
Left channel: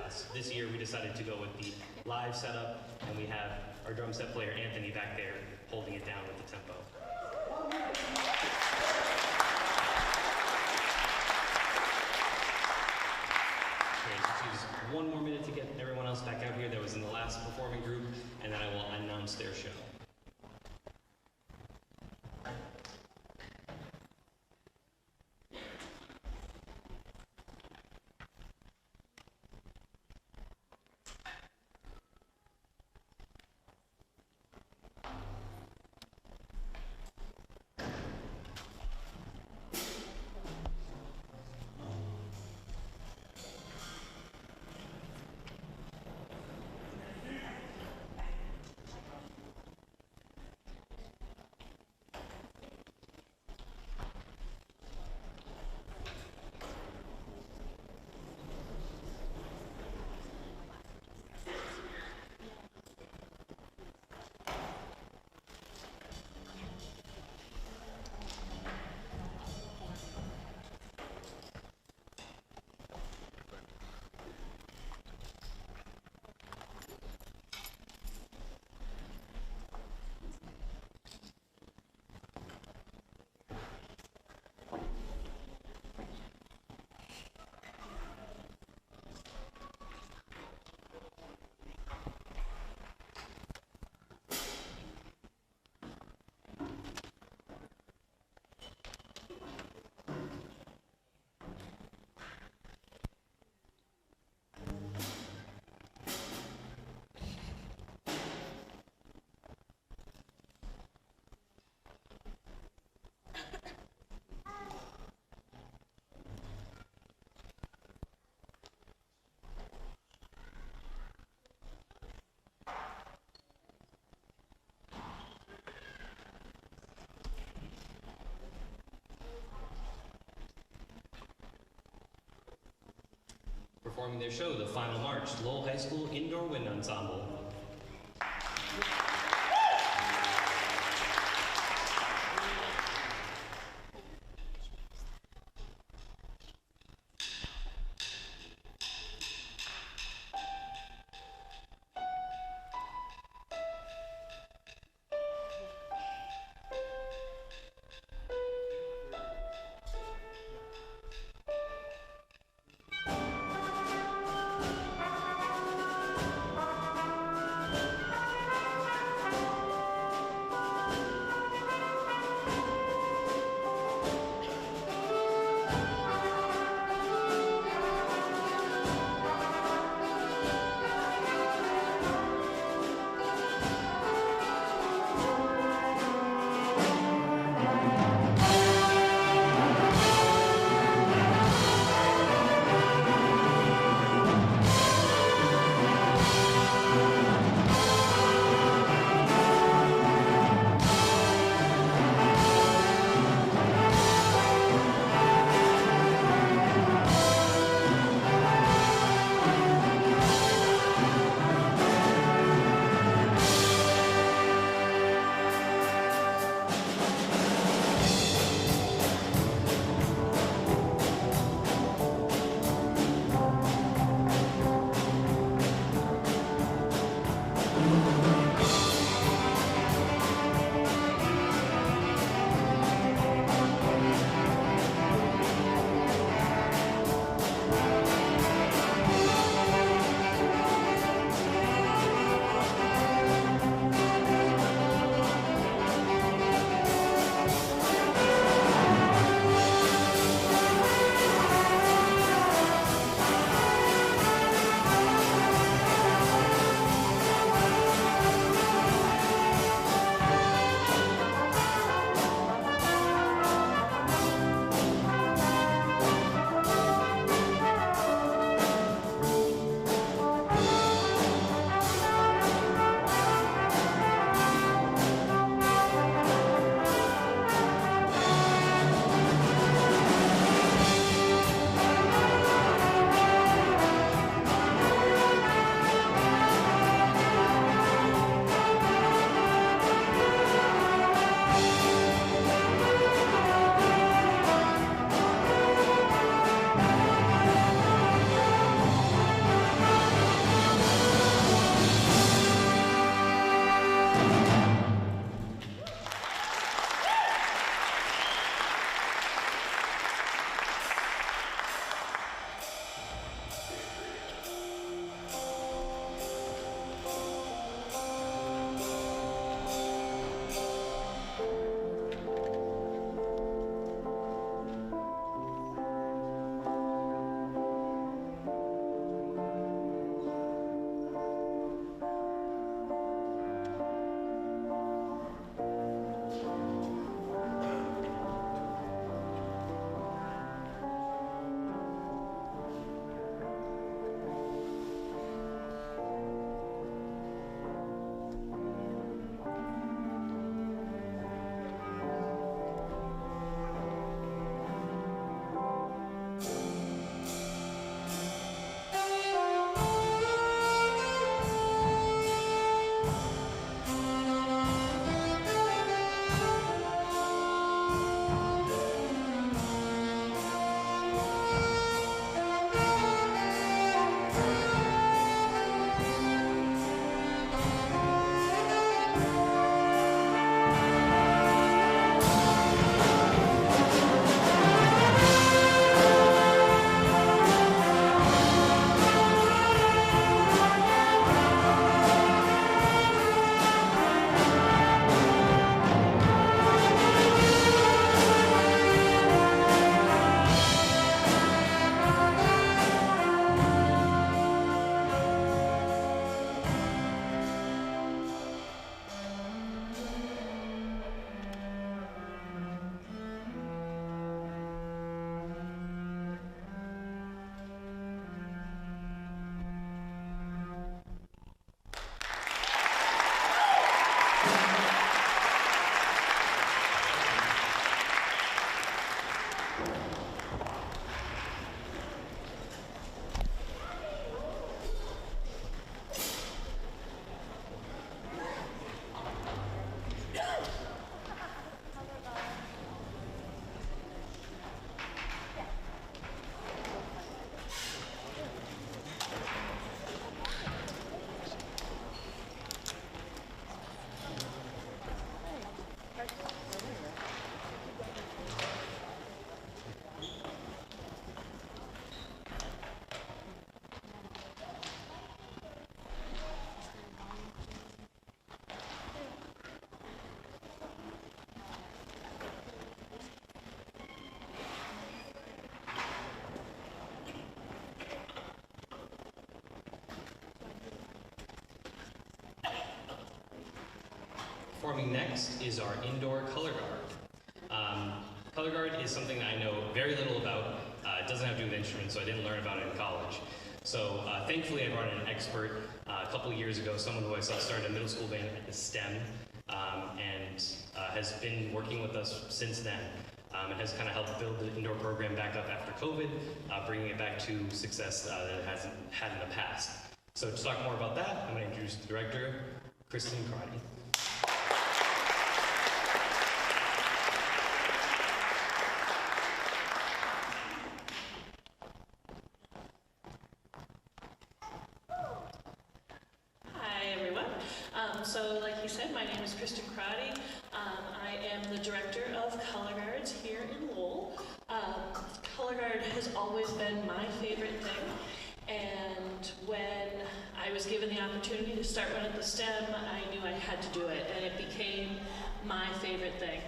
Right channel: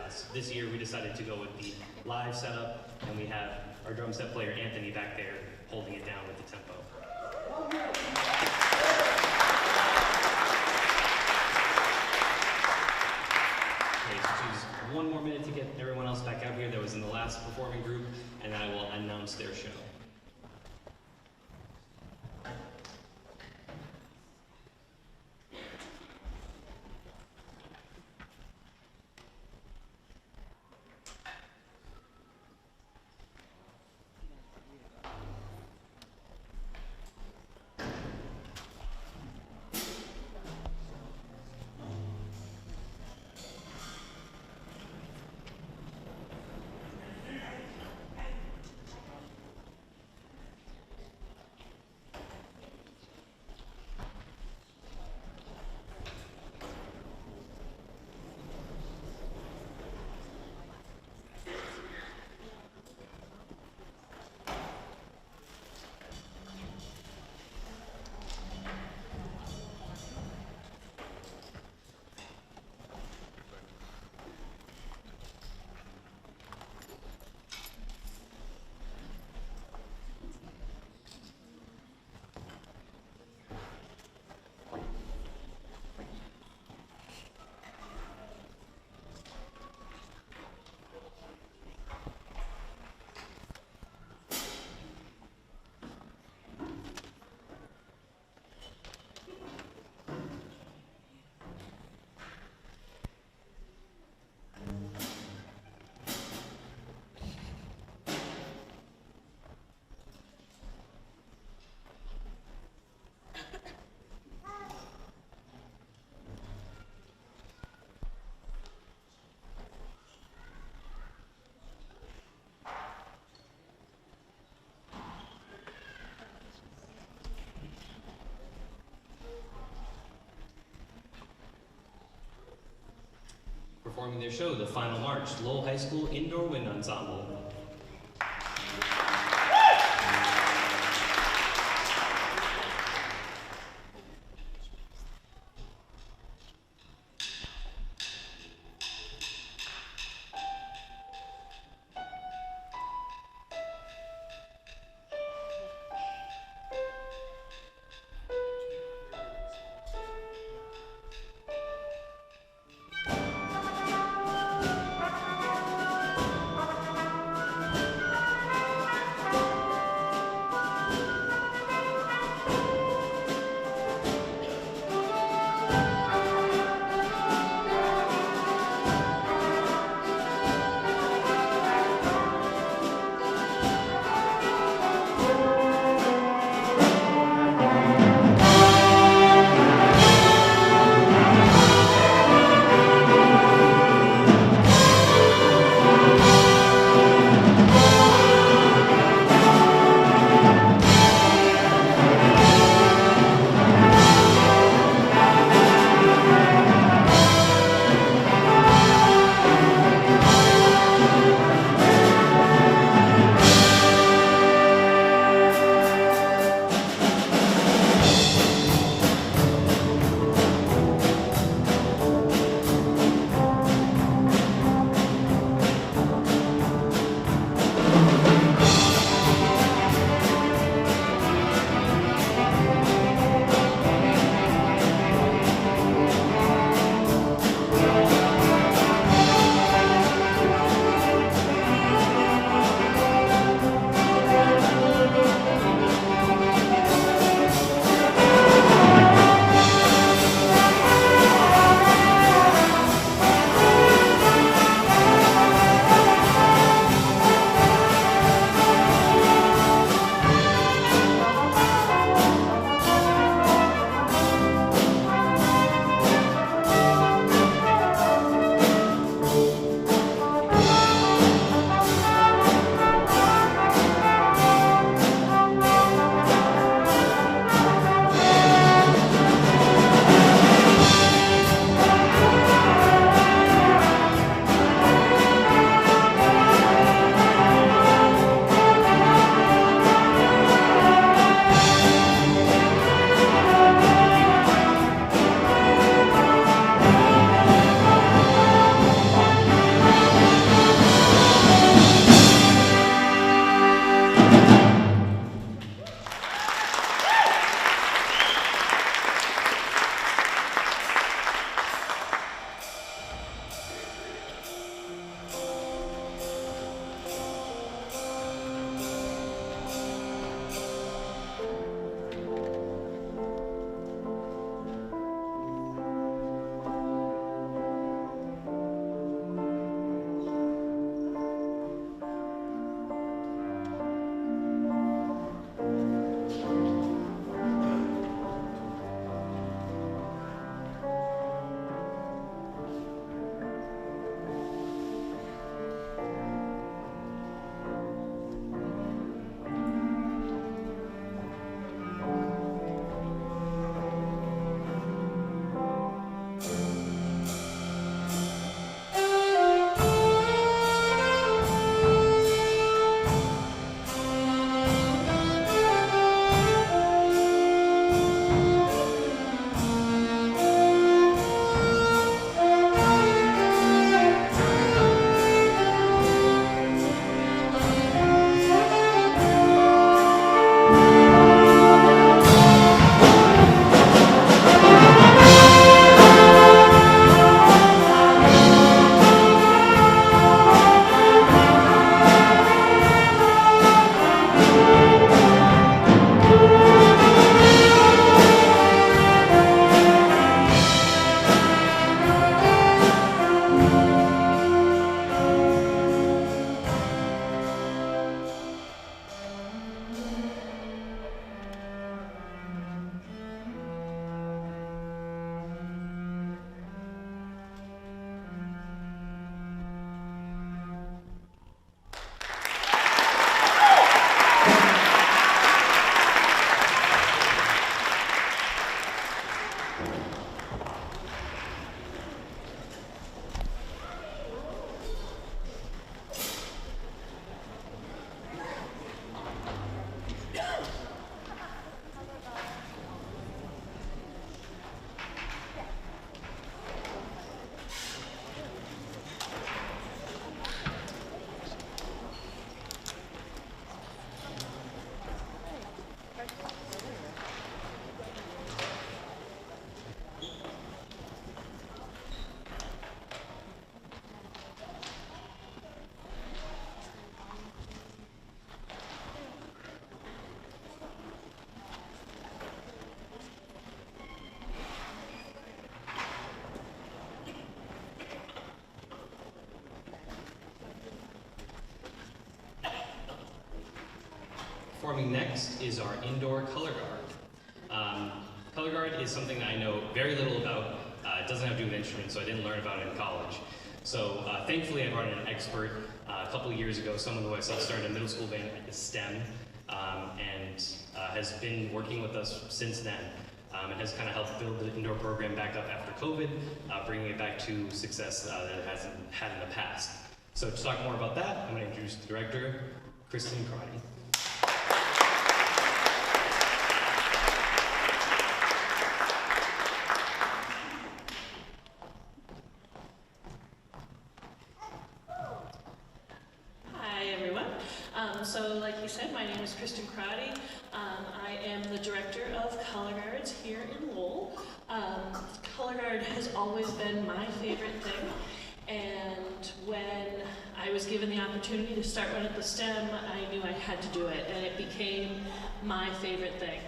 So this year, we decided to go with the live setup, and we have our drum set player, Anthony, back there holding it down with the tempo. Okay, so just one more minute to get everyone else back out here that was in the last performing group, and then I will announce their show. Performing their show, The Final March, Lowell High School Indoor Wind Ensemble. Performing next is our indoor color guard. Color guard is something that I know very little about. It doesn't have to do with instruments, so I didn't learn about it in college. So thankfully I brought in an expert a couple of years ago, someone who I saw started a middle school band at the STEM, and has been working with us since then. And has kind of helped build the indoor program back up after COVID, bringing it back to success that it hasn't had in the past. So to talk more about that, I'm going to introduce the director, Kristen Crotty. Hi everyone. So like you said, my name is Kristen Crotty. I am the director of Color Guards here in Lowell. Color Guard has always been my favorite thing, and when I was given the opportunity to start one at the STEM, I knew I had to do it, and it became my favorite thing.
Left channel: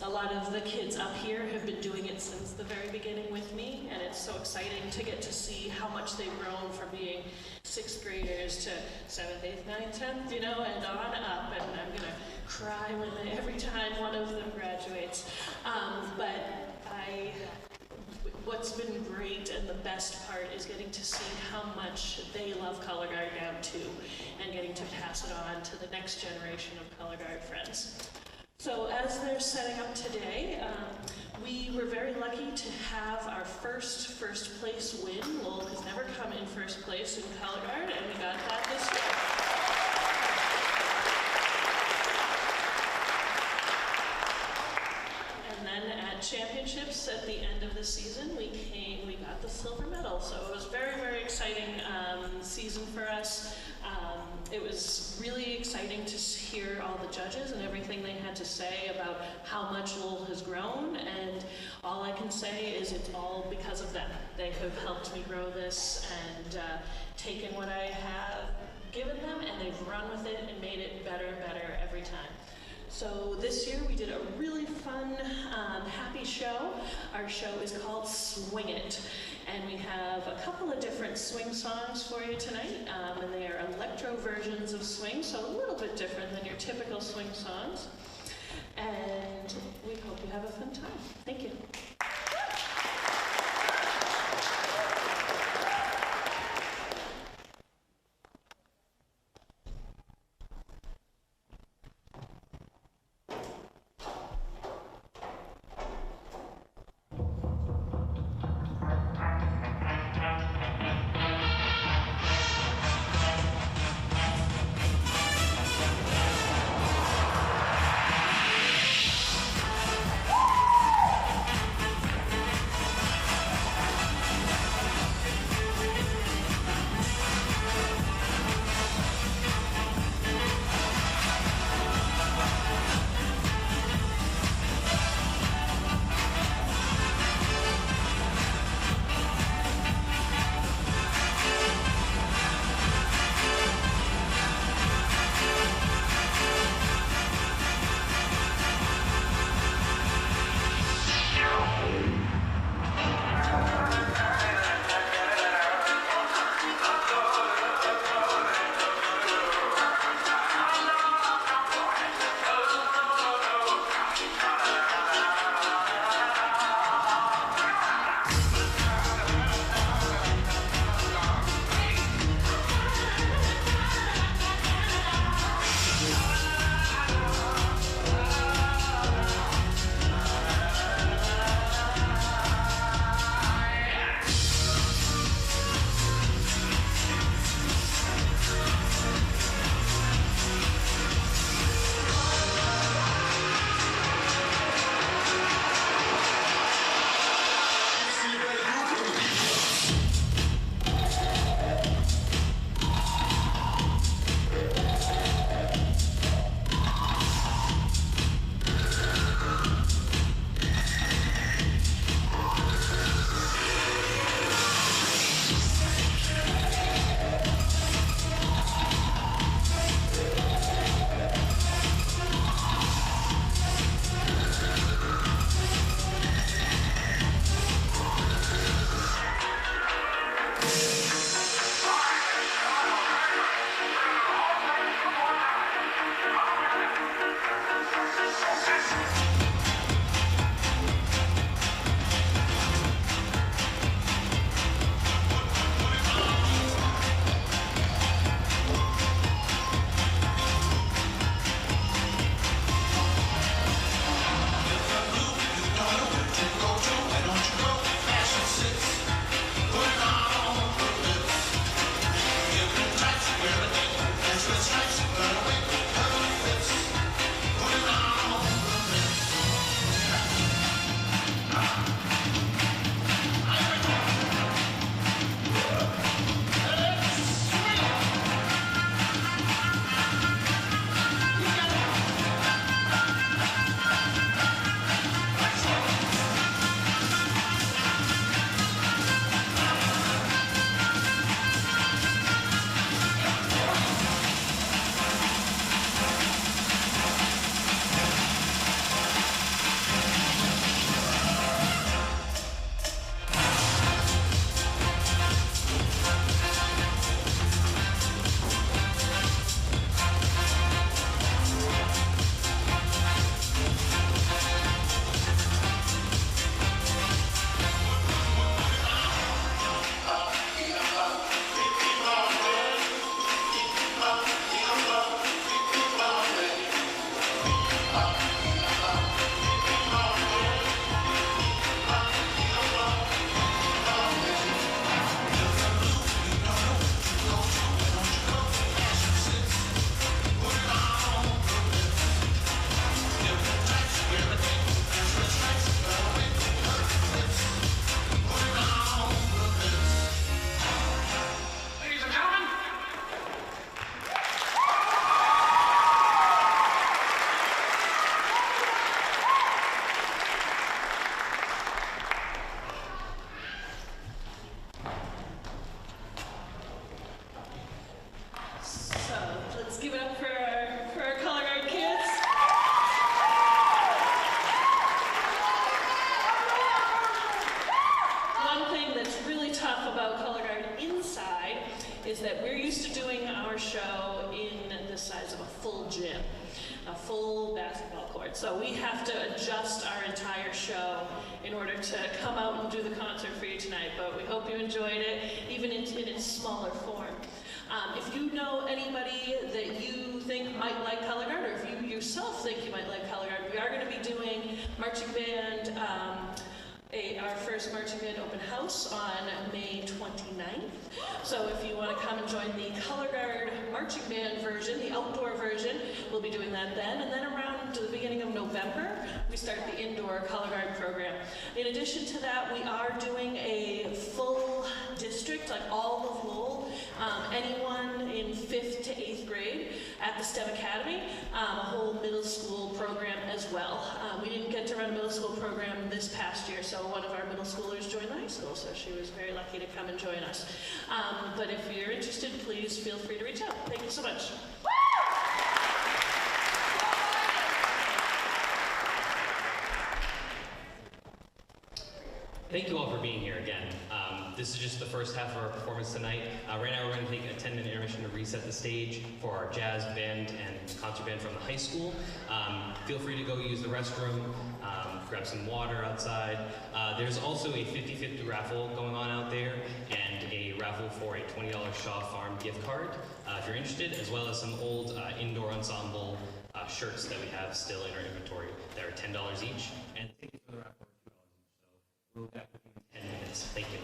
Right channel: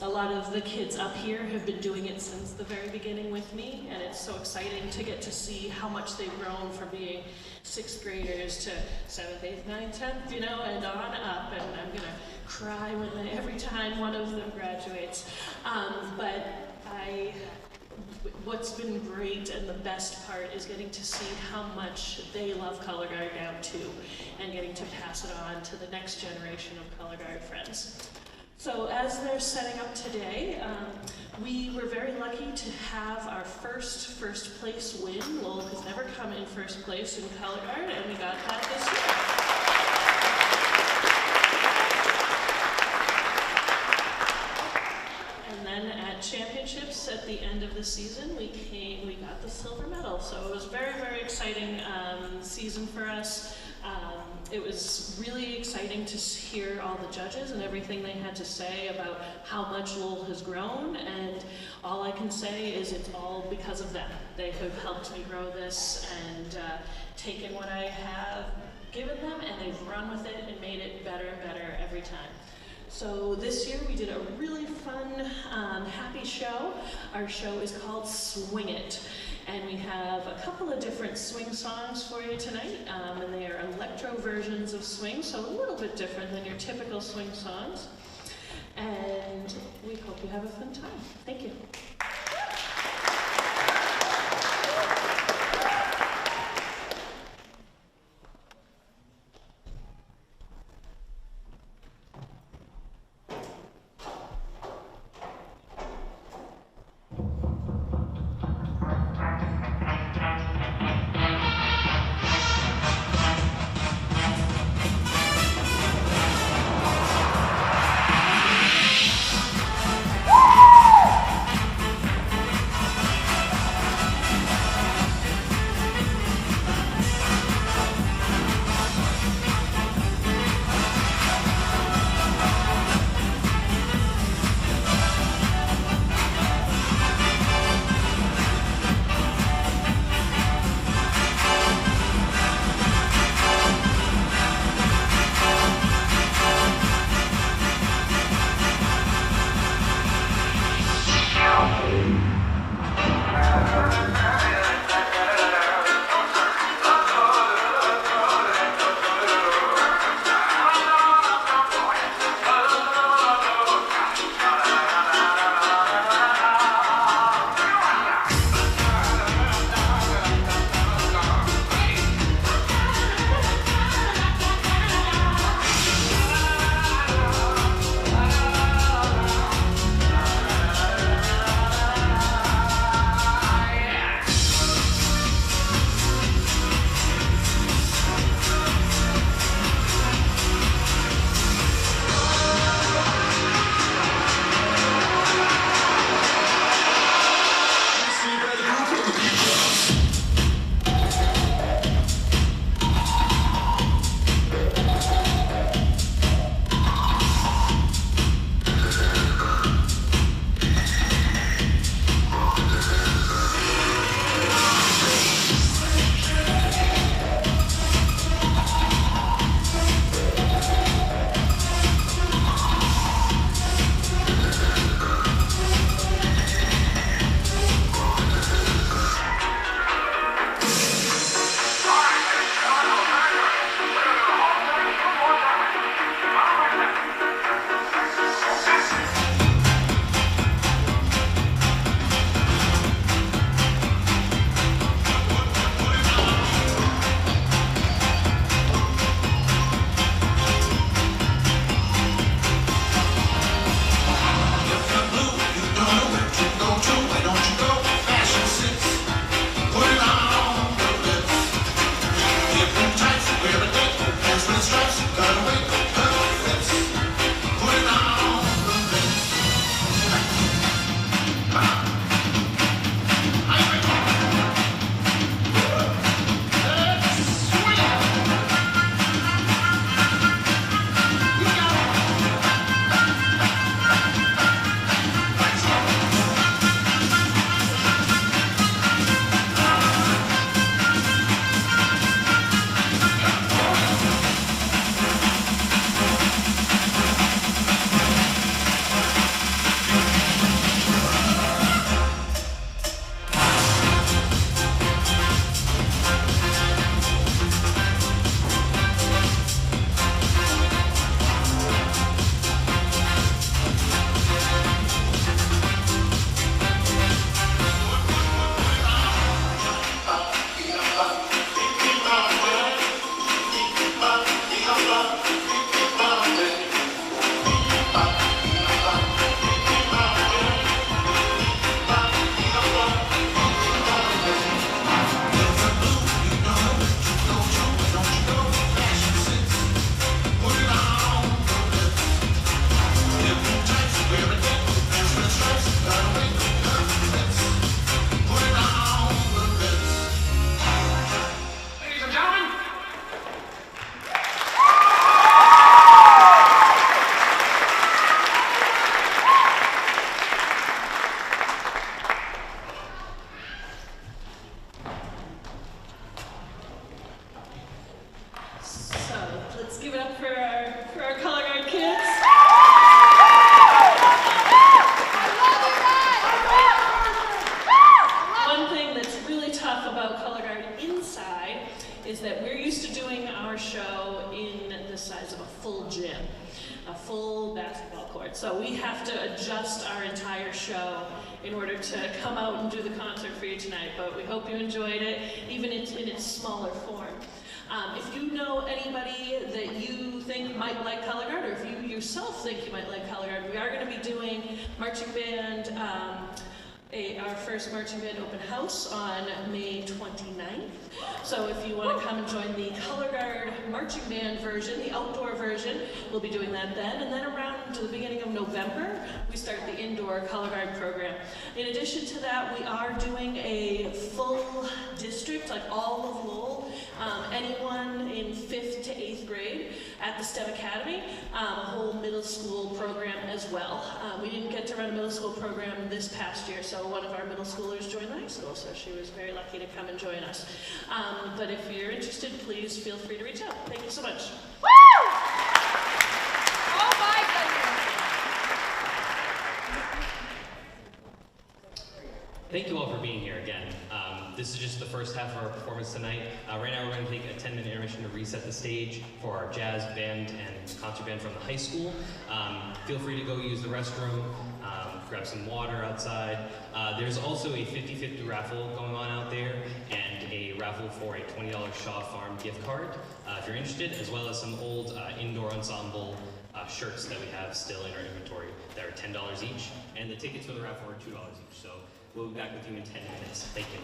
A lot of the kids up here have been doing it since the very beginning with me, and it's so exciting to get to see how much they've grown from being 6th graders to 7th, 8th, 9th, 10th, and on up, and I'm gonna cry every time one of them graduates. What's been great and the best part is getting to see how much they love Color Guard now too, and getting to pass it on to the next generation of Color Guard friends. So as they're setting up today, we were very lucky to have our first place win. Lowell has never come in first place in Color Guard, and we got that this year. And then at championships at the end of the season, we got the silver medal. So it was very, very exciting season for us. It was really exciting to hear all the judges and everything they had to say about how much Lowell has grown, and all I can say is it's all because of them. They have helped me grow this and taken what I have given them, and they've run with it and made it better and better every time. So this year we did a really fun, happy show. Our show is called Swing It. And we have a couple of different swing songs for you tonight. And they are electro versions of swing, so a little bit different than your typical swing songs. And we hope you have a fun time. Thank you. we have to adjust our entire show in order to come out and do the concert for you tonight, but we hope you enjoyed it, even in its smaller form. If you know anybody that you think might like Color Guard, or if you yourself think you might like Color Guard, we are going to be doing marching band, our first marching band open house on May 29th. So if you want to come and join the Color Guard marching band version, the outdoor version, we'll be doing that then. And then around the beginning of November, we start the indoor Color Guard program. In addition to that, we are doing a full district, like all of Lowell, anyone in 5th to 8th grade at the STEM Academy, a whole middle school program as well. We didn't get to run a middle school program this past year, so one of our middle schoolers joined the high school, so she was very lucky to come and join us. But if you're interested, please feel free to reach out. Thank you so much. Thank you all for being here again. This is just the first half of our performance tonight. Right now we're going to take a 10-minute intermission to reset the stage for our jazz band and concert band from the high school. Feel free to go use the restroom, grab some water outside. There's also a 50-50 raffle going on out there and a raffle for a $20 Shaw Farm gift card if you're interested, as well as some old indoor ensemble shirts that we have still in our inventory that are $10 each, and the tickets for the raffle are $2 each. So we'll be back with you in 10 minutes. Thank you.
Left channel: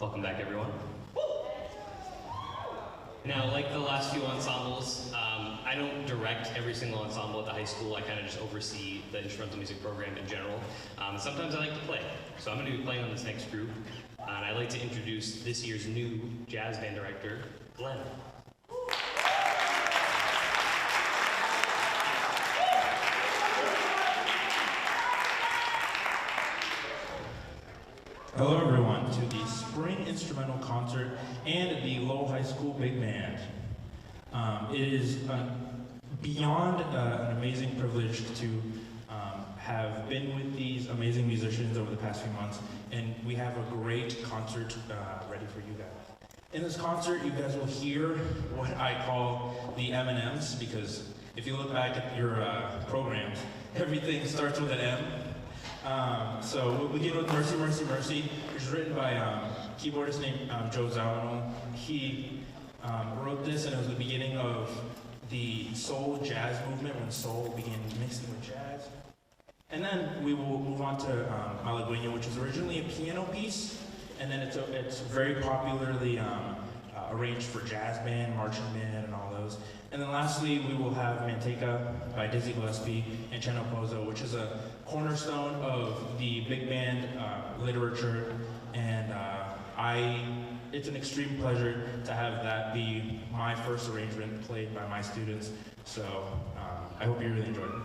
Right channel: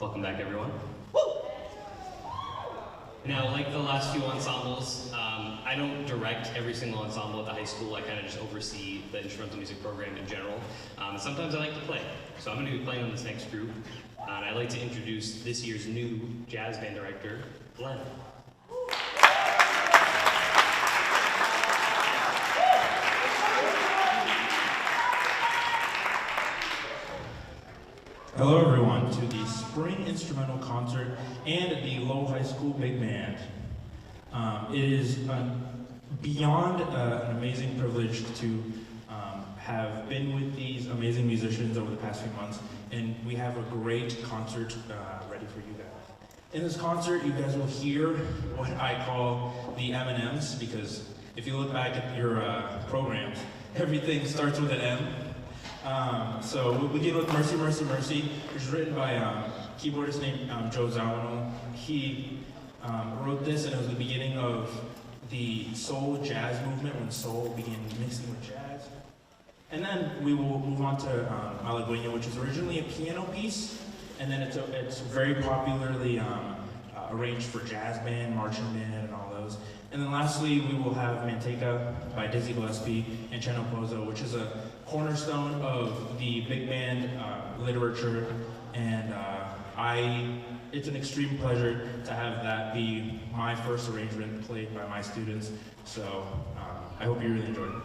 Welcome back, everyone. Now, like the last few ensembles, I don't direct every single ensemble at the high school. I kind of just oversee the instrumental music program in general. Sometimes I like to play, so I'm going to be playing on this next group. And I'd like to introduce this year's new jazz band director, Glenn. Hello everyone to the Spring Instrumental Concert and the Lowell High School Big Band. It is beyond an amazing privilege to have been with these amazing musicians over the past few months, and we have a great concert ready for you guys. In this concert, you guys will hear what I call the M&Ms, because if you look back at your programs, everything starts with an M. So we'll begin with Mercy, Mercy, Mercy, which is written by keyboardist named Joe Zawinul. He wrote this, and it was the beginning of the soul jazz movement, when soul began mixing with jazz. And then we will move on to Malagueña, which is originally a piano piece, and then it's very popularly arranged for jazz band, marching band, and all those. And then lastly, we will have Manteca by Dizzy Gillespie and Cheno Pozo, which is a cornerstone of the big band literature, and it's an extreme pleasure to have that be my first arrangement played by my students. So I hope you really enjoyed it.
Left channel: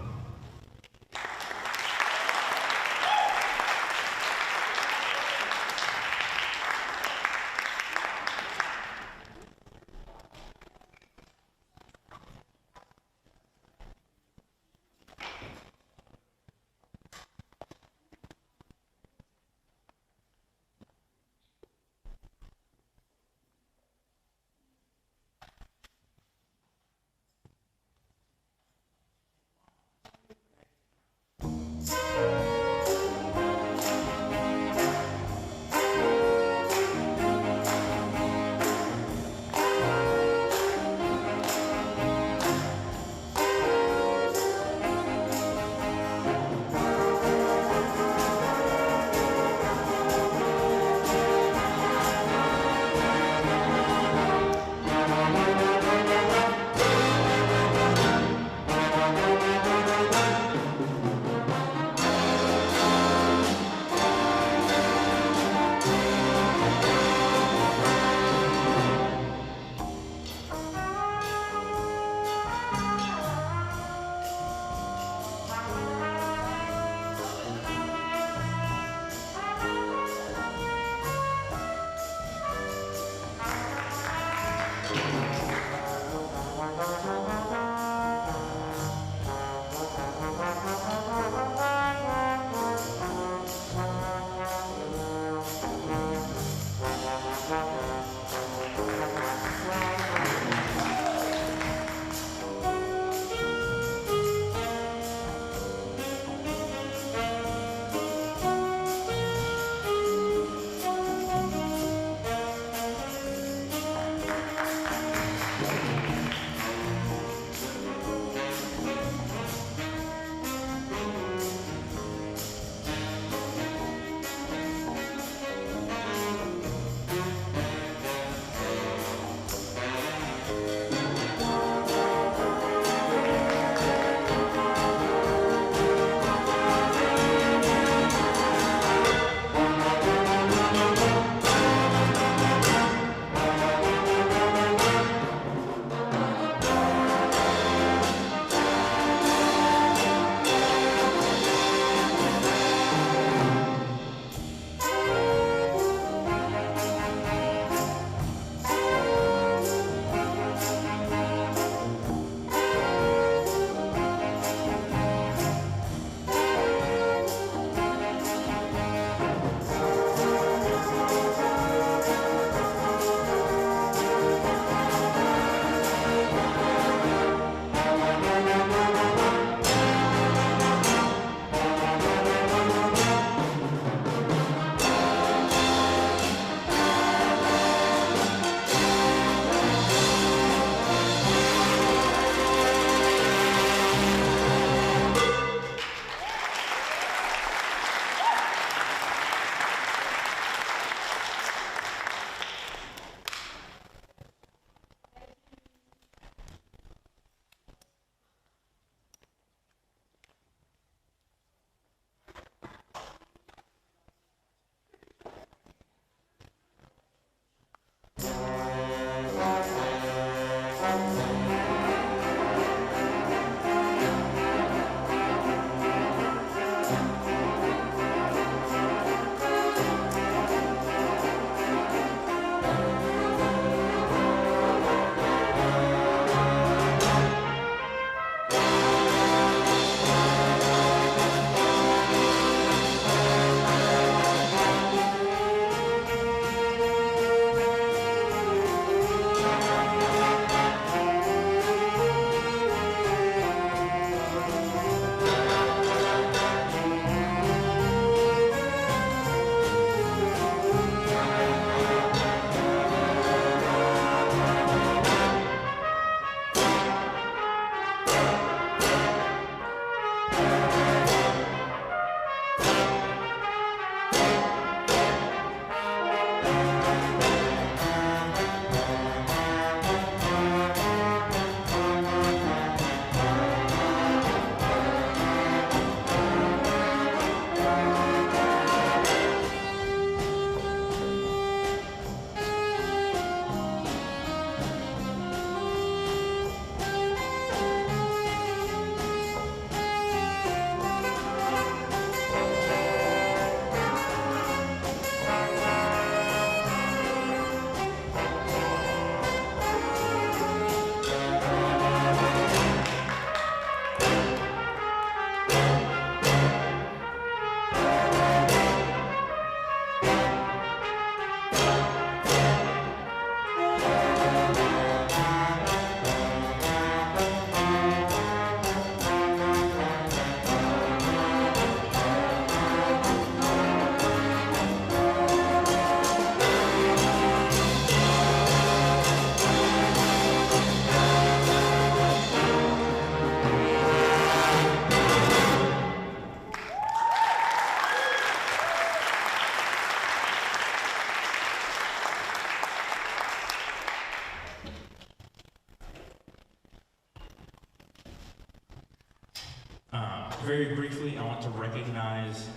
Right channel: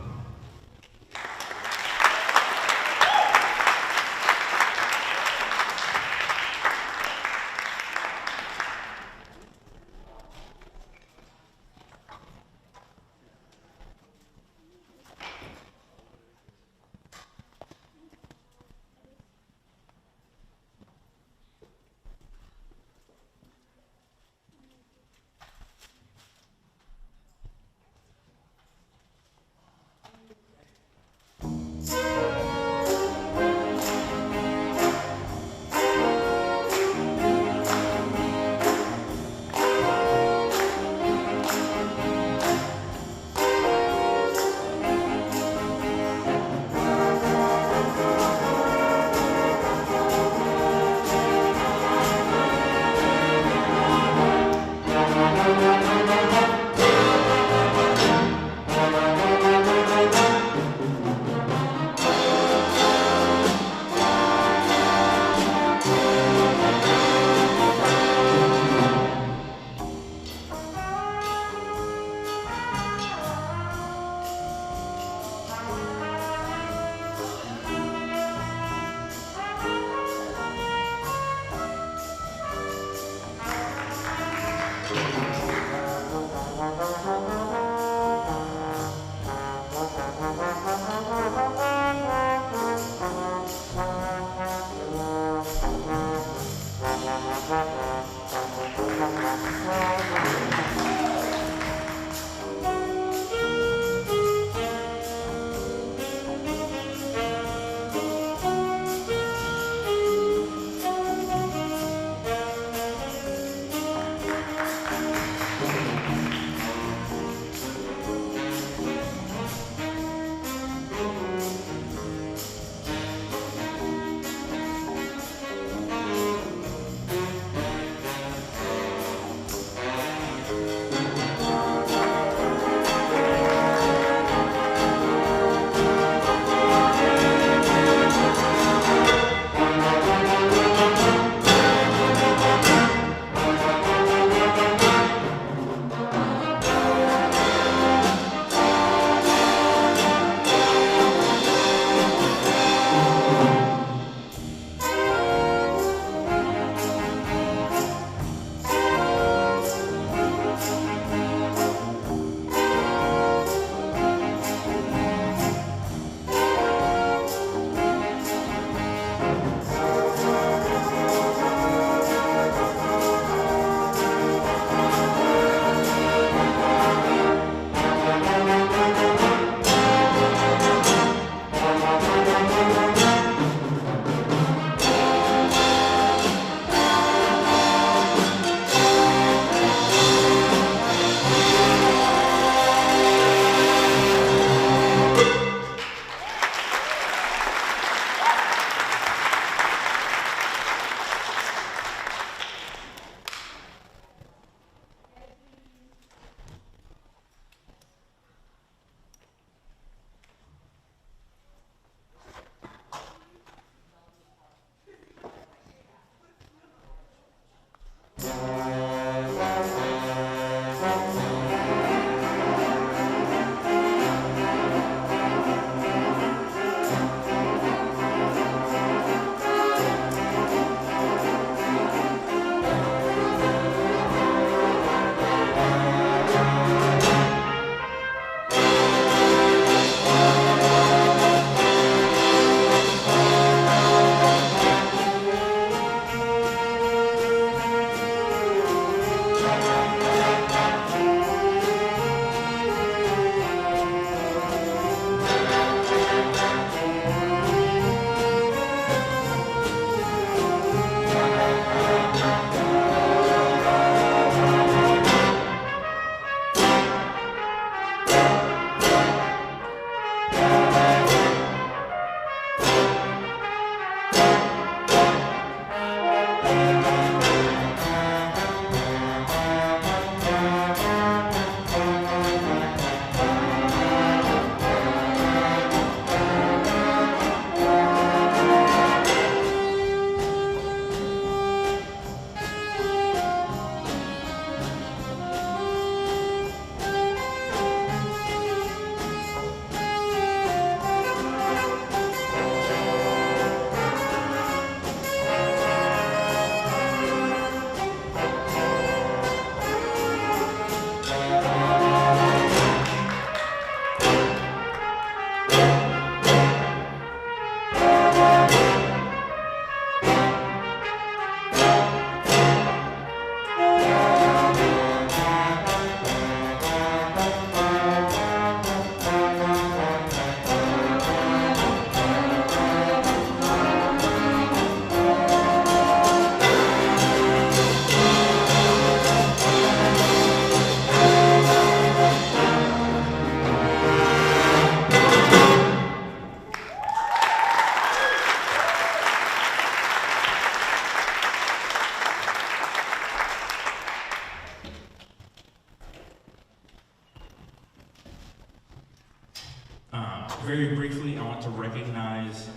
Very briefly, I want to recognize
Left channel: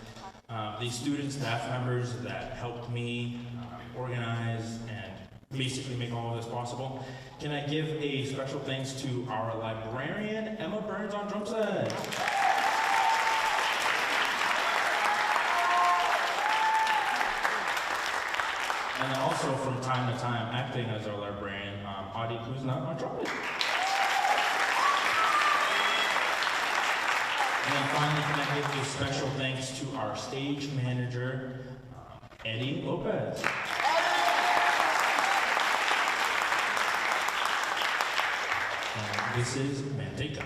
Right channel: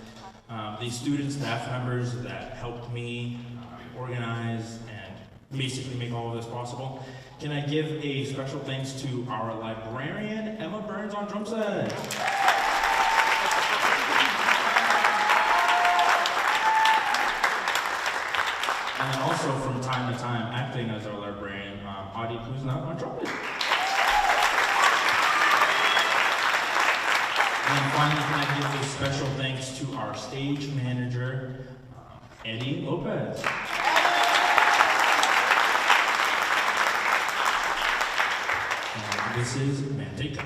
the student staff members that helped me organize and basically make all of this possible. Can I give a special thanks to our librarian, Emma Burns on drum set? And then also from time to time, acting as our librarian, Adi Kuzna on trumpet. And then finally, can I give a special thanks to our stage manager, Eddie Lopez. And this is Manteca.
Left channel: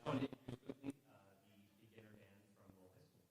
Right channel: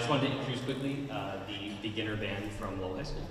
just wanted to introduce quickly the beginner band from Lowell High School.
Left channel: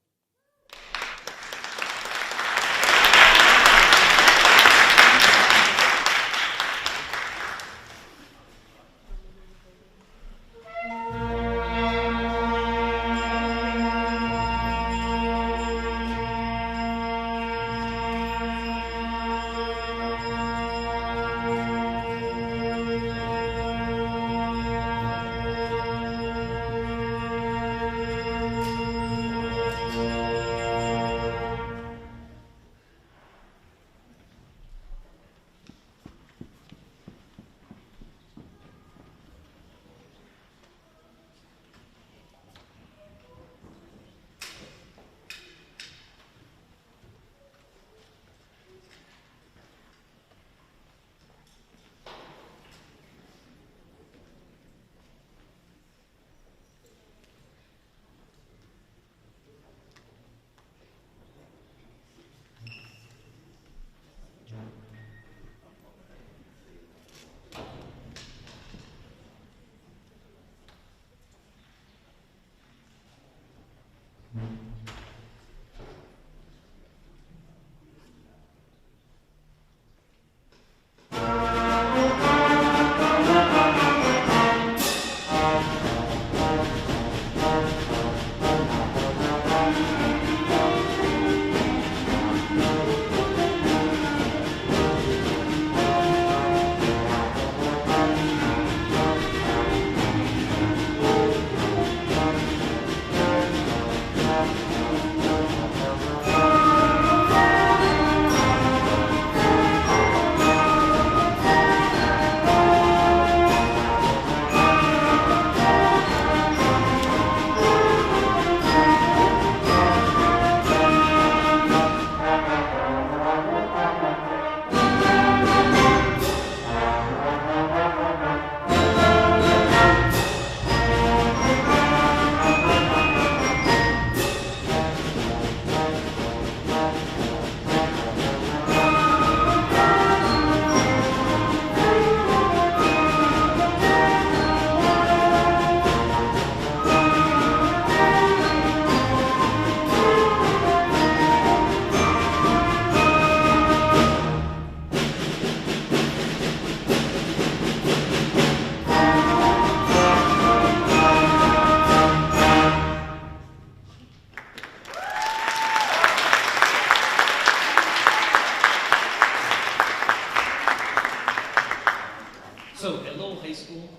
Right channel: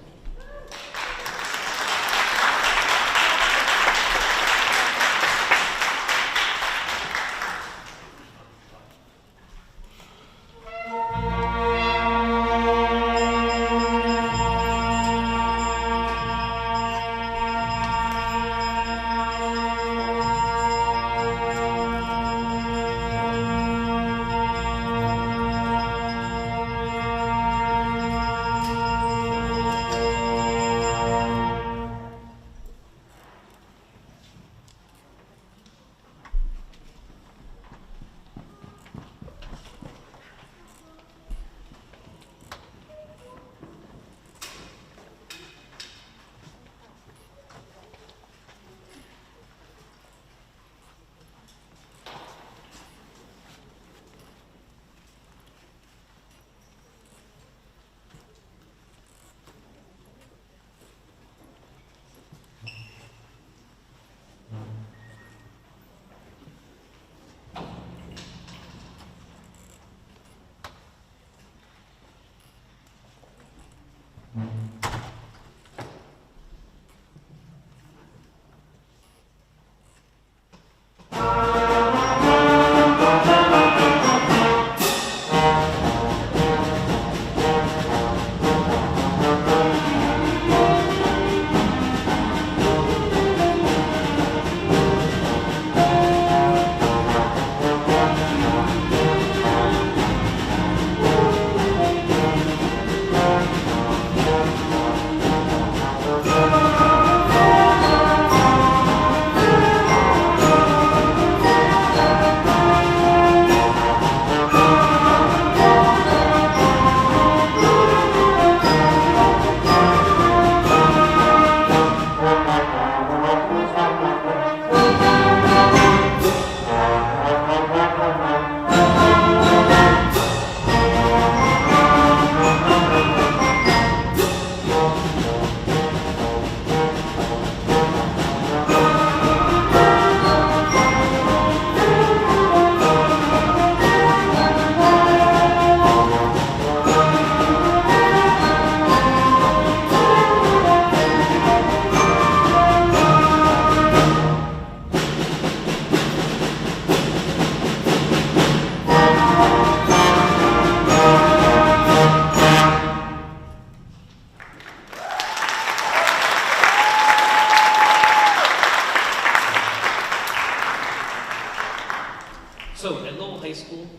So at Lowell High School,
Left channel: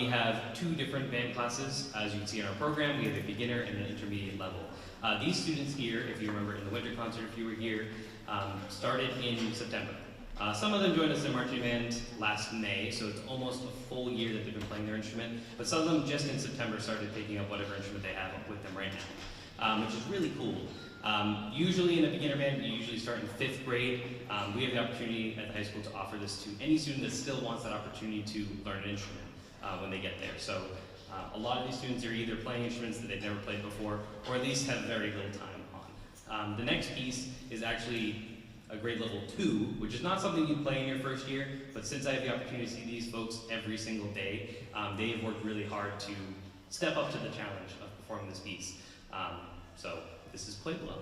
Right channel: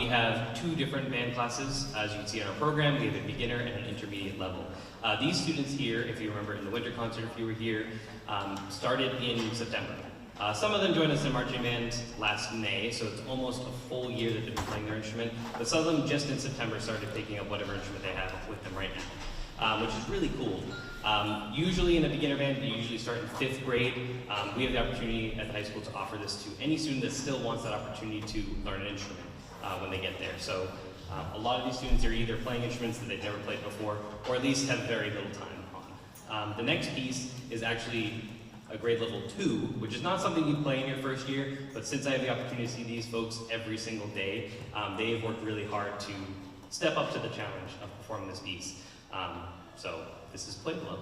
we have two different band classes. As you can see in our program, we have a beginner and an intermediate level. These students here, if you remember in the winter concert, if you were here, started in September. Some of them joined us in marching band last May, so it's almost a full year that they've been playing their instrument. But some of them just in September started taking up whatever instrument they have with them right now, which is really cool. Usually in a beginner band, you usually start in 5th grade. We have the opportunity at the high school to offer this to any student that still wants that opportunity to learn an instrument when they get there. So a lot of these students are either playing instruments that they've never played before, or at least have very little time on. The next piece is actually a grade level 2, which is not something you play in your first year, but since I have the opportunity to see these folks every single day, they've worked really hard to step up to the challenge of performing this piece. So this is Play Below.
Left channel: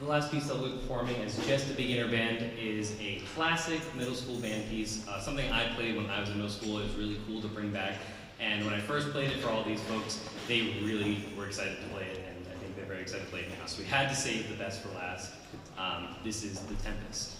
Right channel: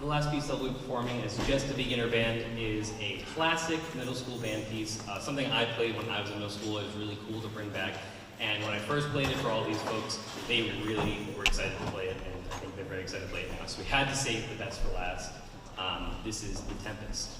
The last piece I'll be performing is Just a Beginner Band. Is a classic middle school band piece, something I played when I was in middle school. It was really cool to bring back. And when I first played it for all these folks, they really were excited to play it, and I think they're very excited to play it now. So we had to save the best for last. This is The Tempest.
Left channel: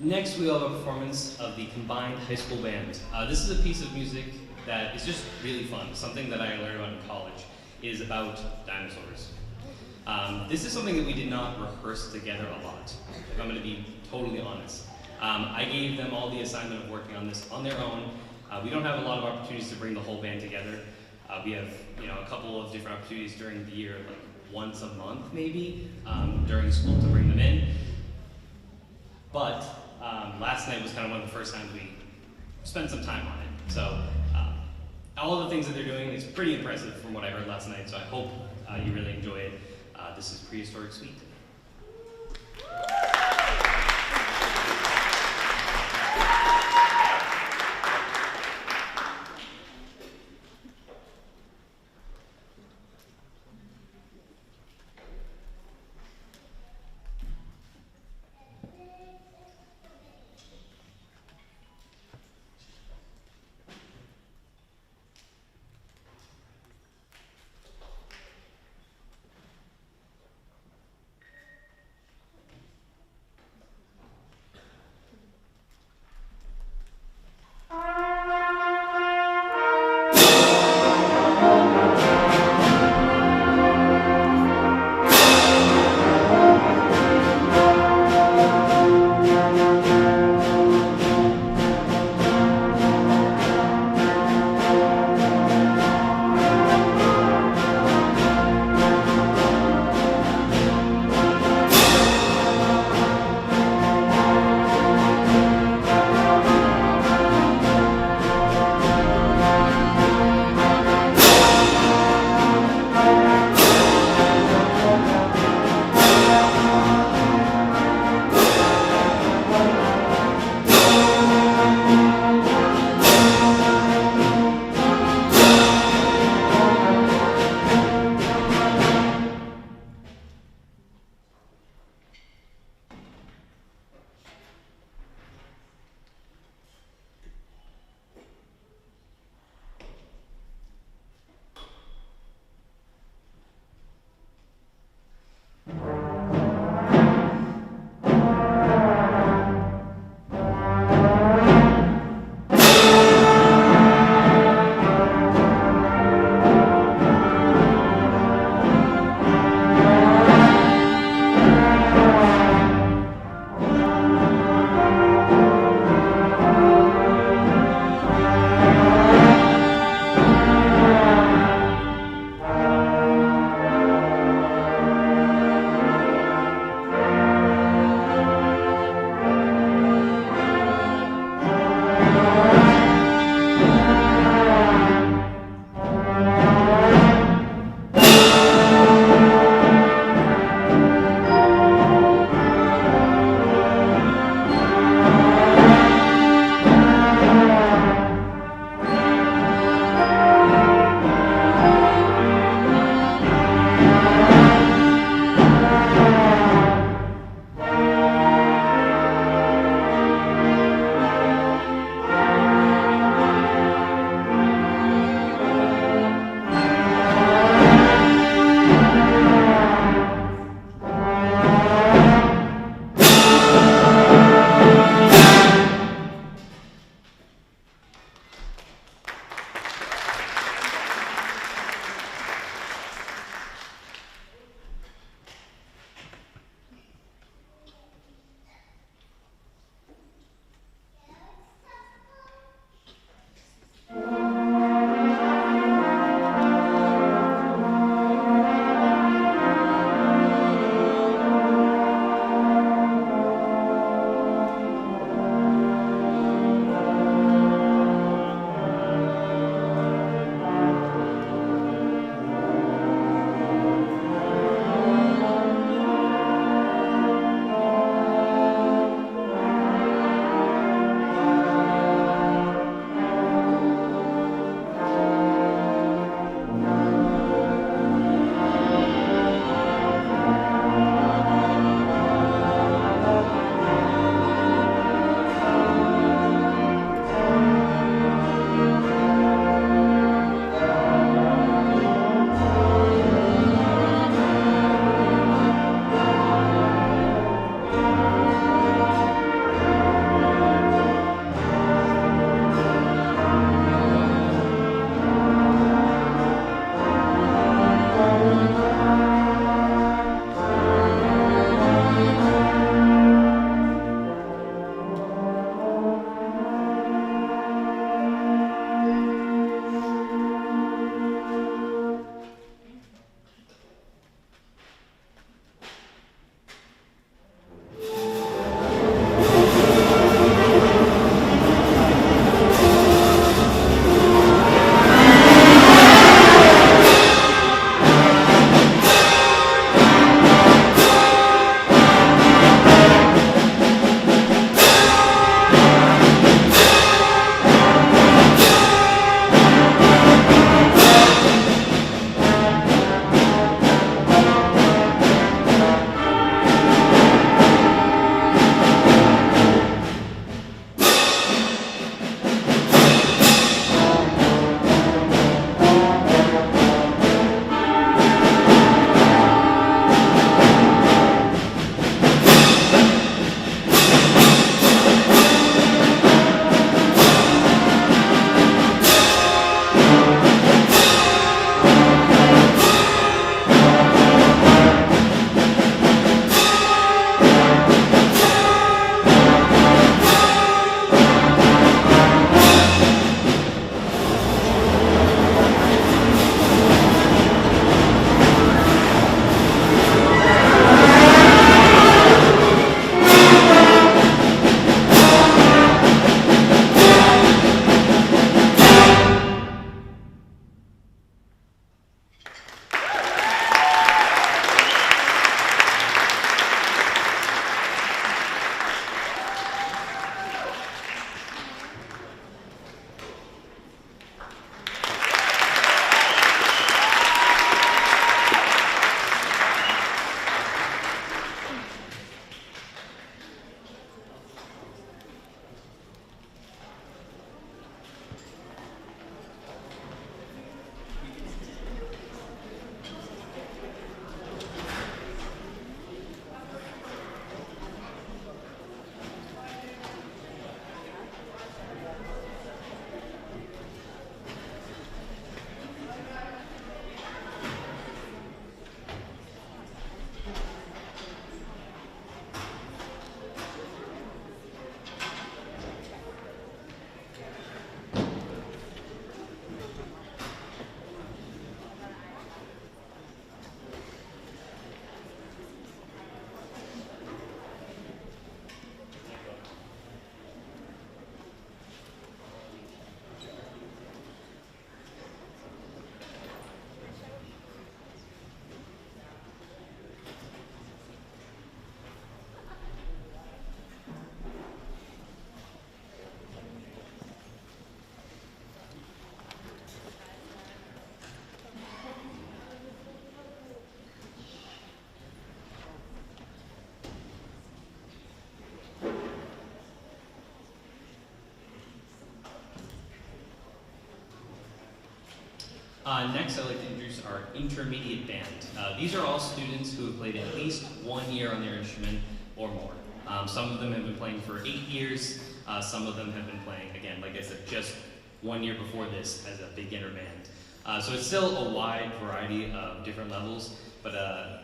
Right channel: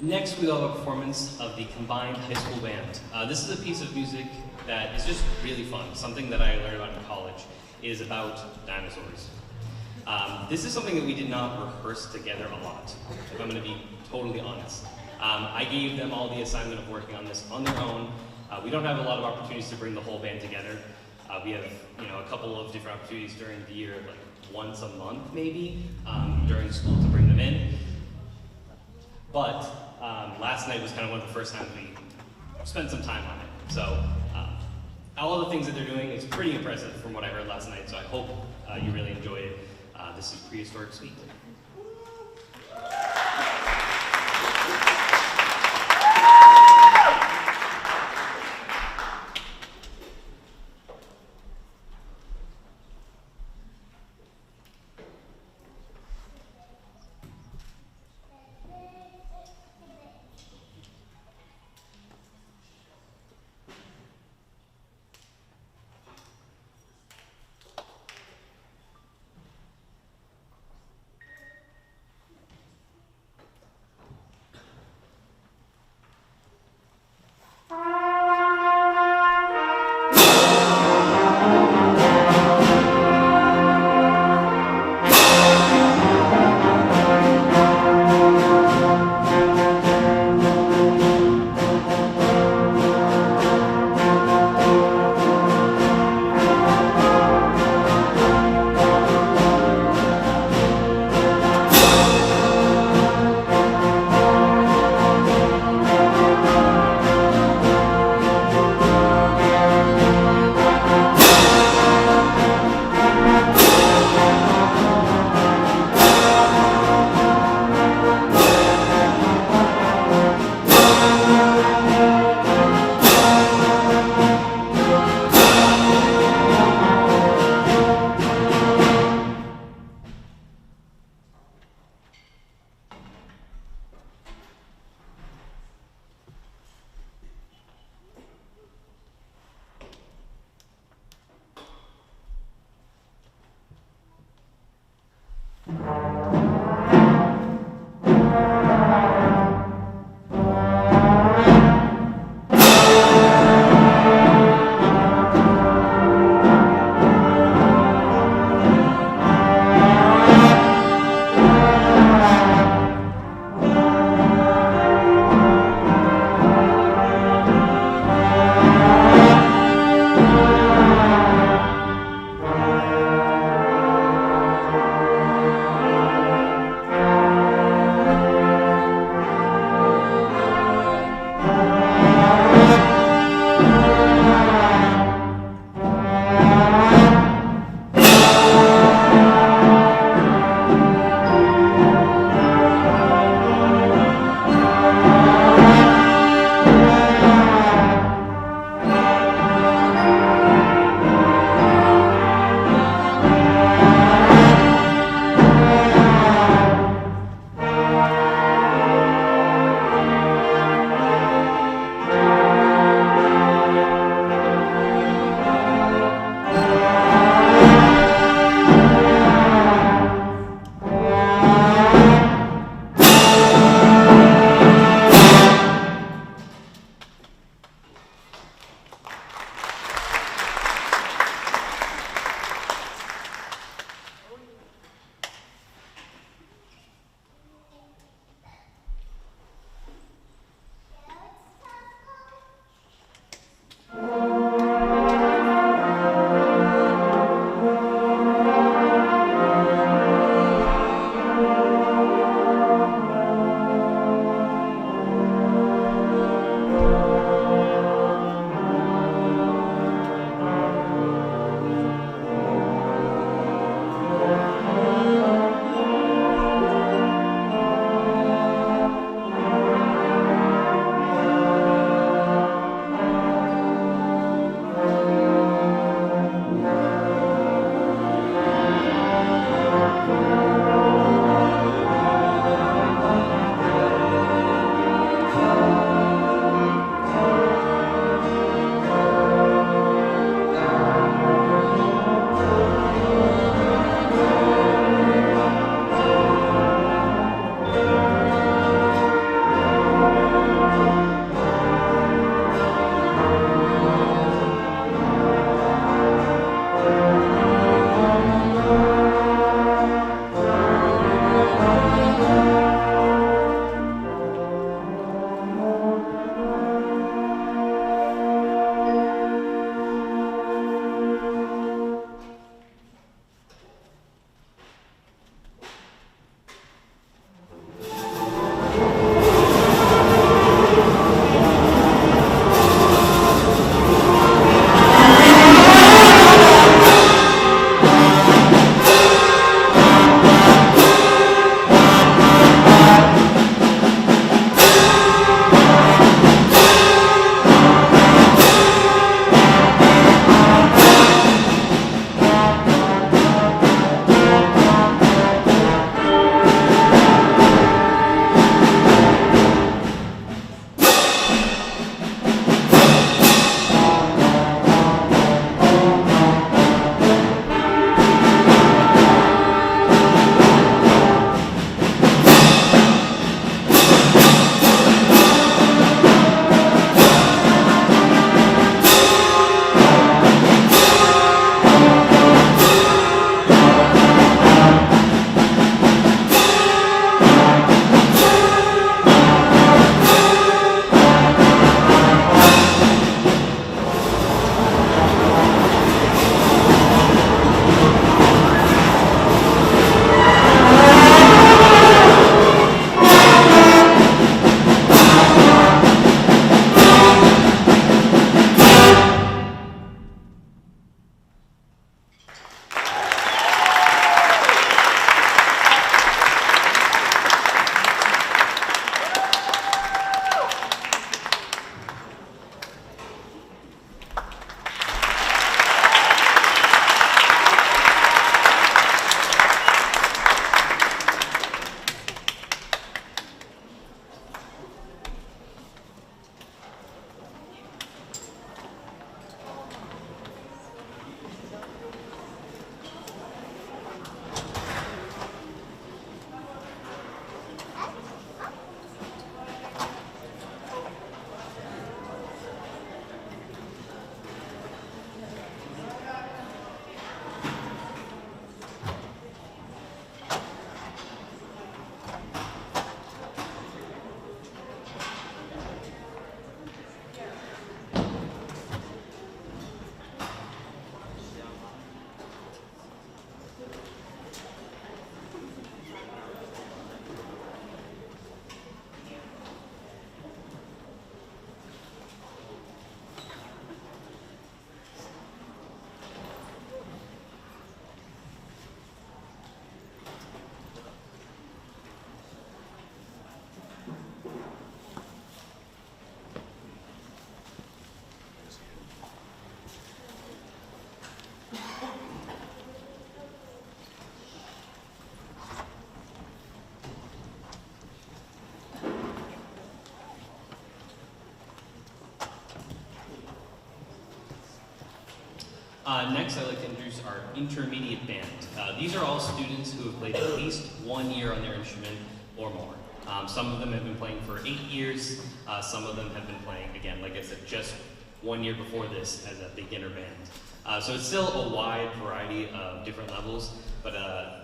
Next, we'll have a performance of the combined high school band. This is a piece of music that is just really fun. Something that I learned about in college is about dinosaurs. This is something that we did not rehearse together a lot, if I'm going to be totally honest. I gave them all the assignment of working on this on their own. We don't have a lot of opportunities to bring the whole band together. We have, a couple of different opportunities during the year, like once a month maybe, during school to bring them in. But last night was kind of one of the first times we spent some time on it. So all of the things that they're doing is pretty impressive from what I heard last night, so I hope you really enjoy it. This is Prehistoric Suite. Next, I'd like to introduce our intermediate band. These are all students who have played at least 1 year on their instrument or more. Some of them have been playing for 8 years. Some of them have been playing, again, like I said, just 1 year before this as a beginner band. So it's still a wide variety of different levels, but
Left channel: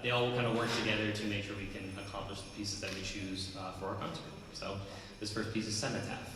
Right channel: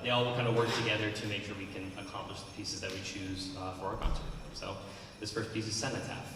they all kind of work together to make sure we can accomplish the pieces that we choose for our concert. So this first piece is Cenotaph.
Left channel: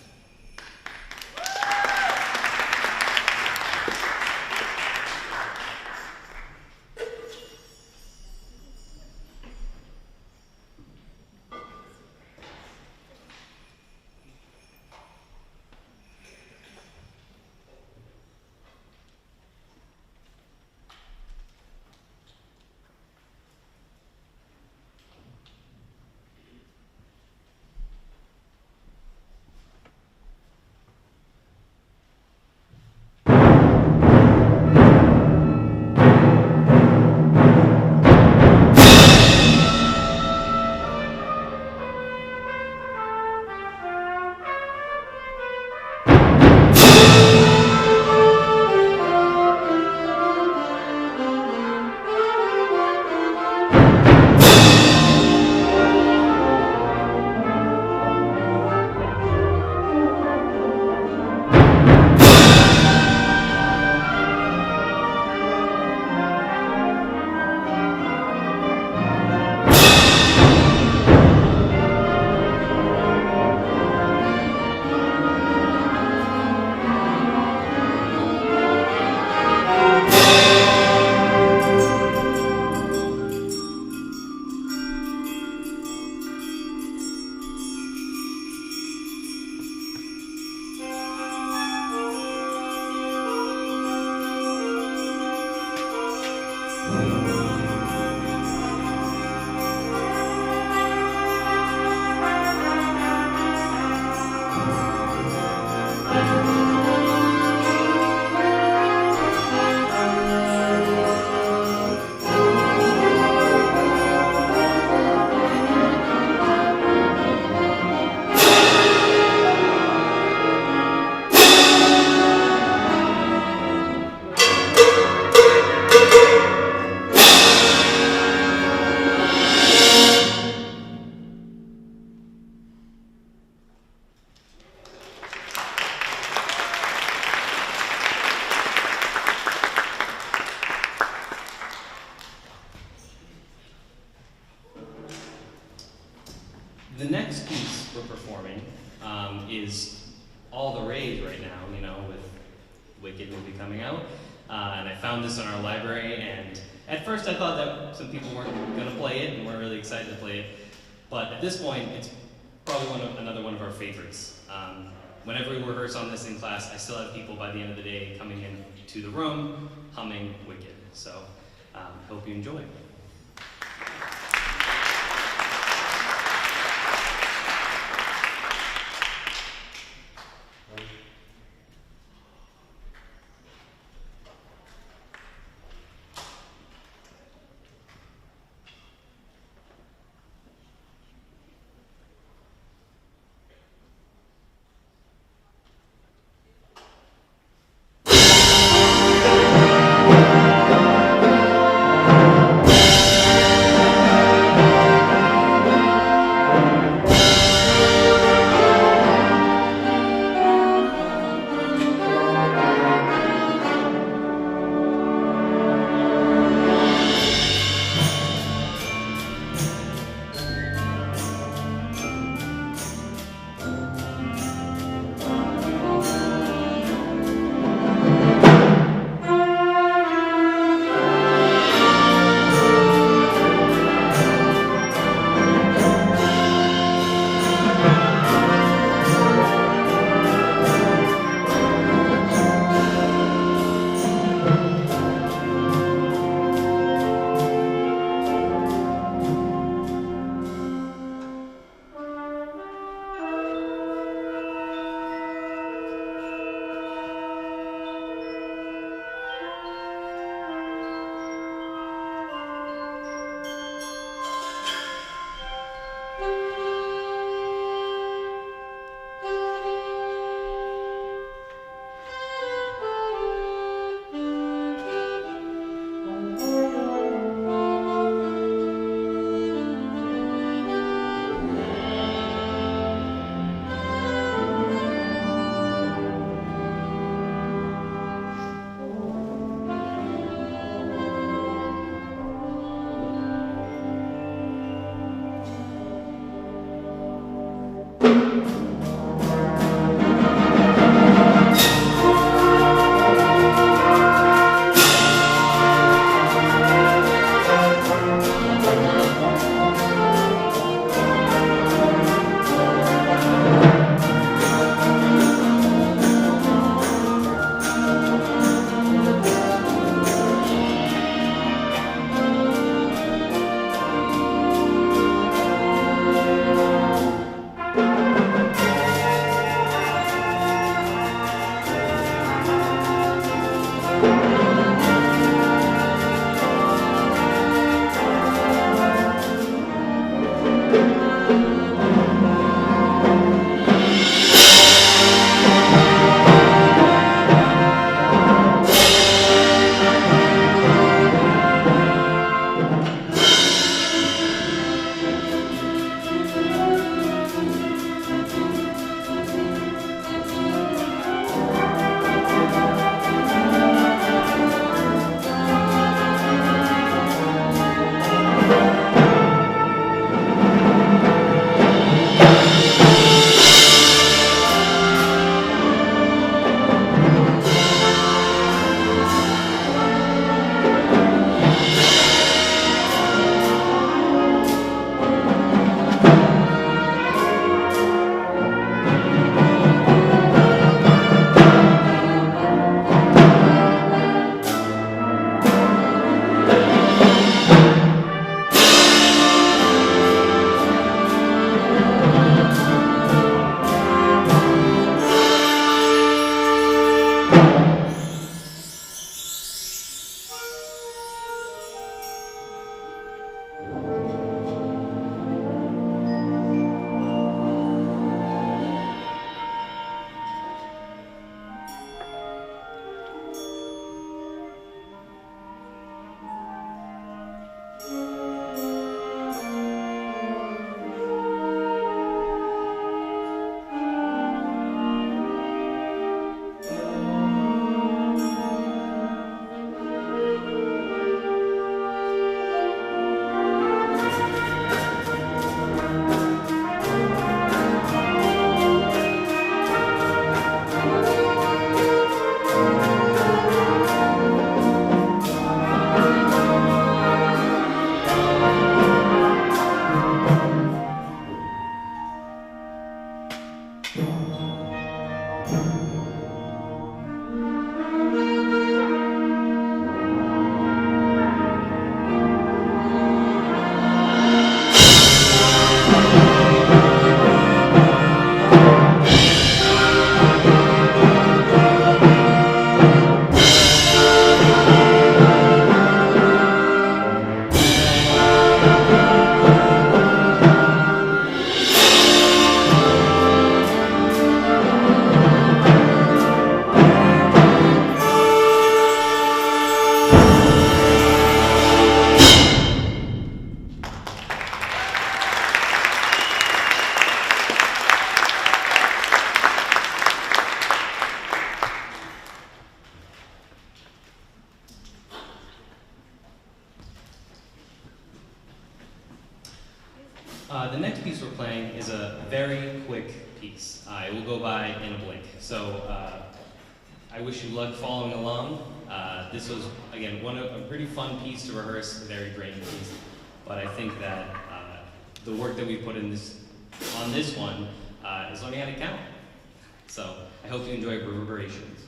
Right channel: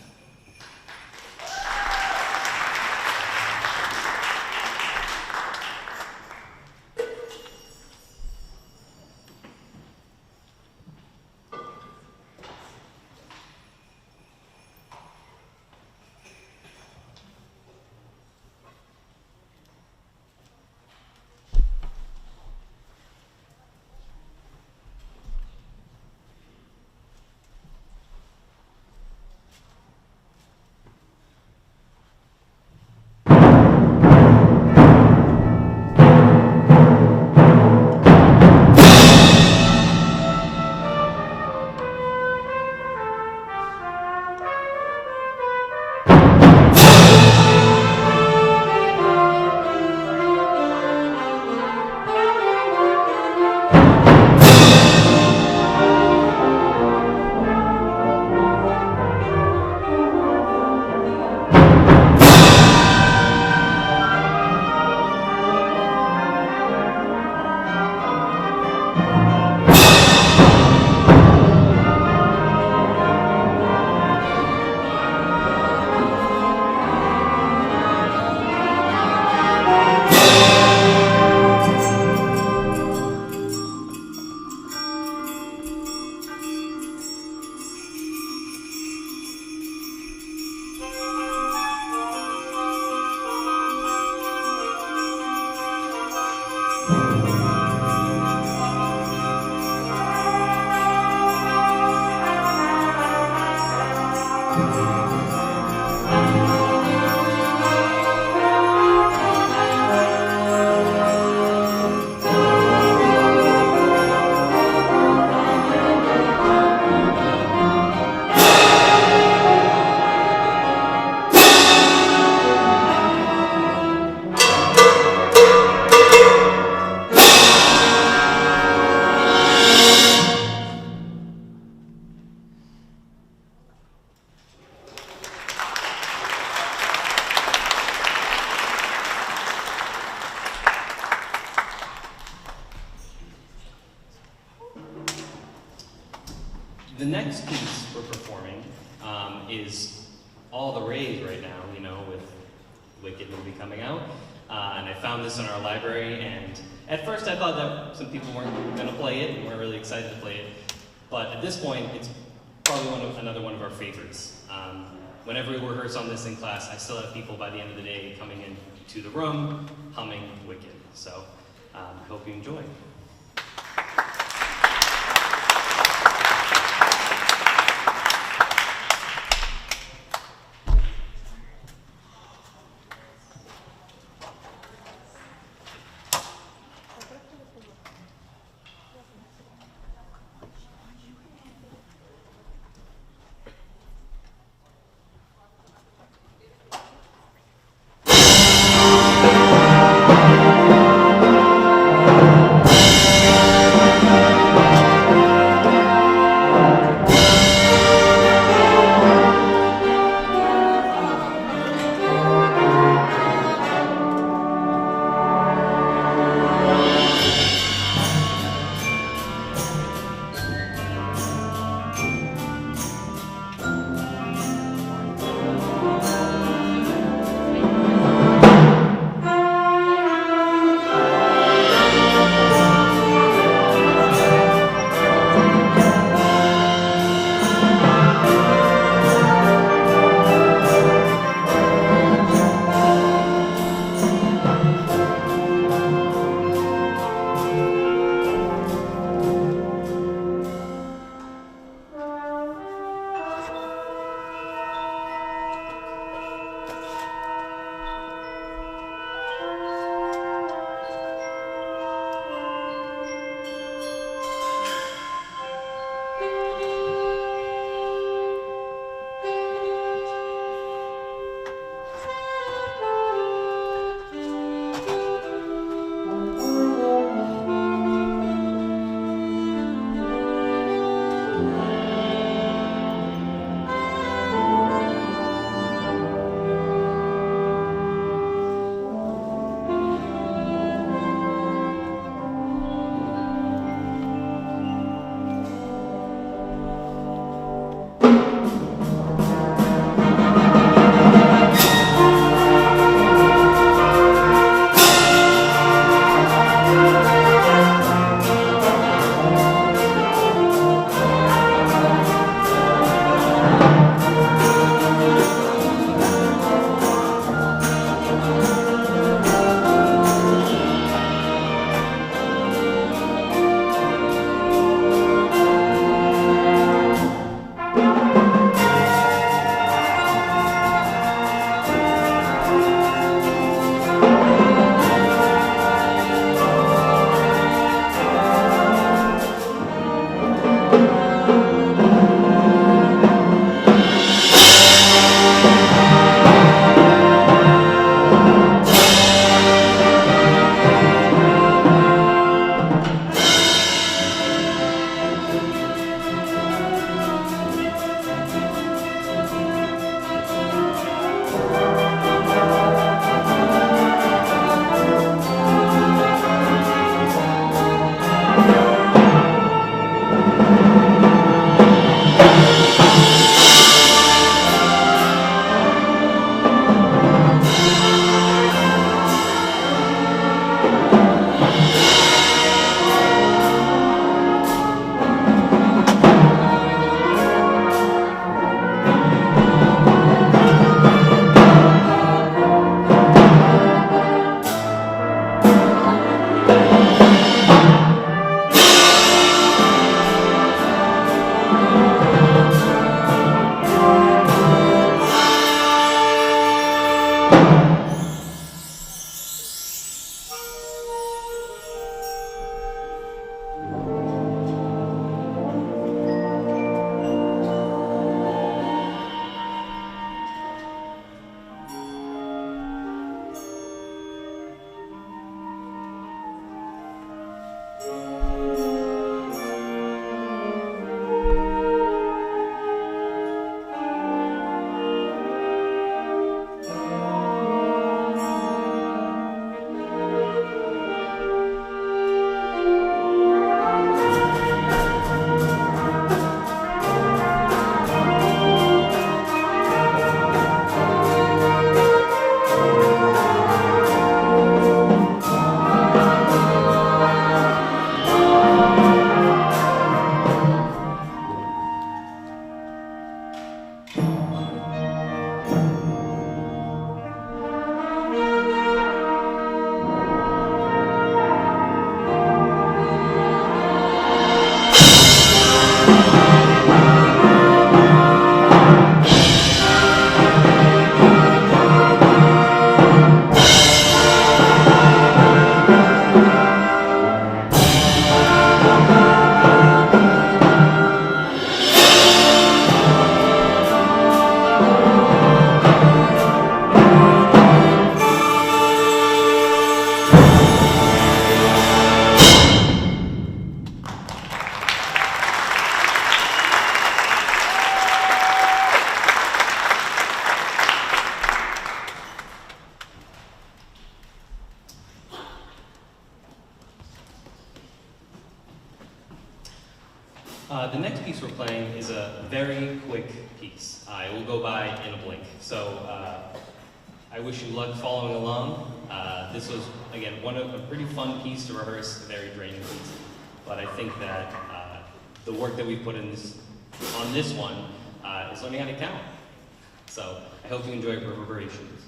The next piece we're performing is all the rage right now, you know, with Wicked movie coming out. And I found this in our library, and at first I thought that some people weren't going to play it and weren't really excited to play it. But at this point, it's probably another one of our favorites. Whenever we rehearse on this in class, I still have people by the end of the day coming into the room humming Wicked. So I hope you enjoy. The next piece we're playing is a very quick piece. It will go by in a blink. So I wish you luck following along. This was, again, a pretty fun piece to rehearse, a very draining piece. But I think that the work that we put in on this one is learning how to count. So I hope you enjoy reverberations.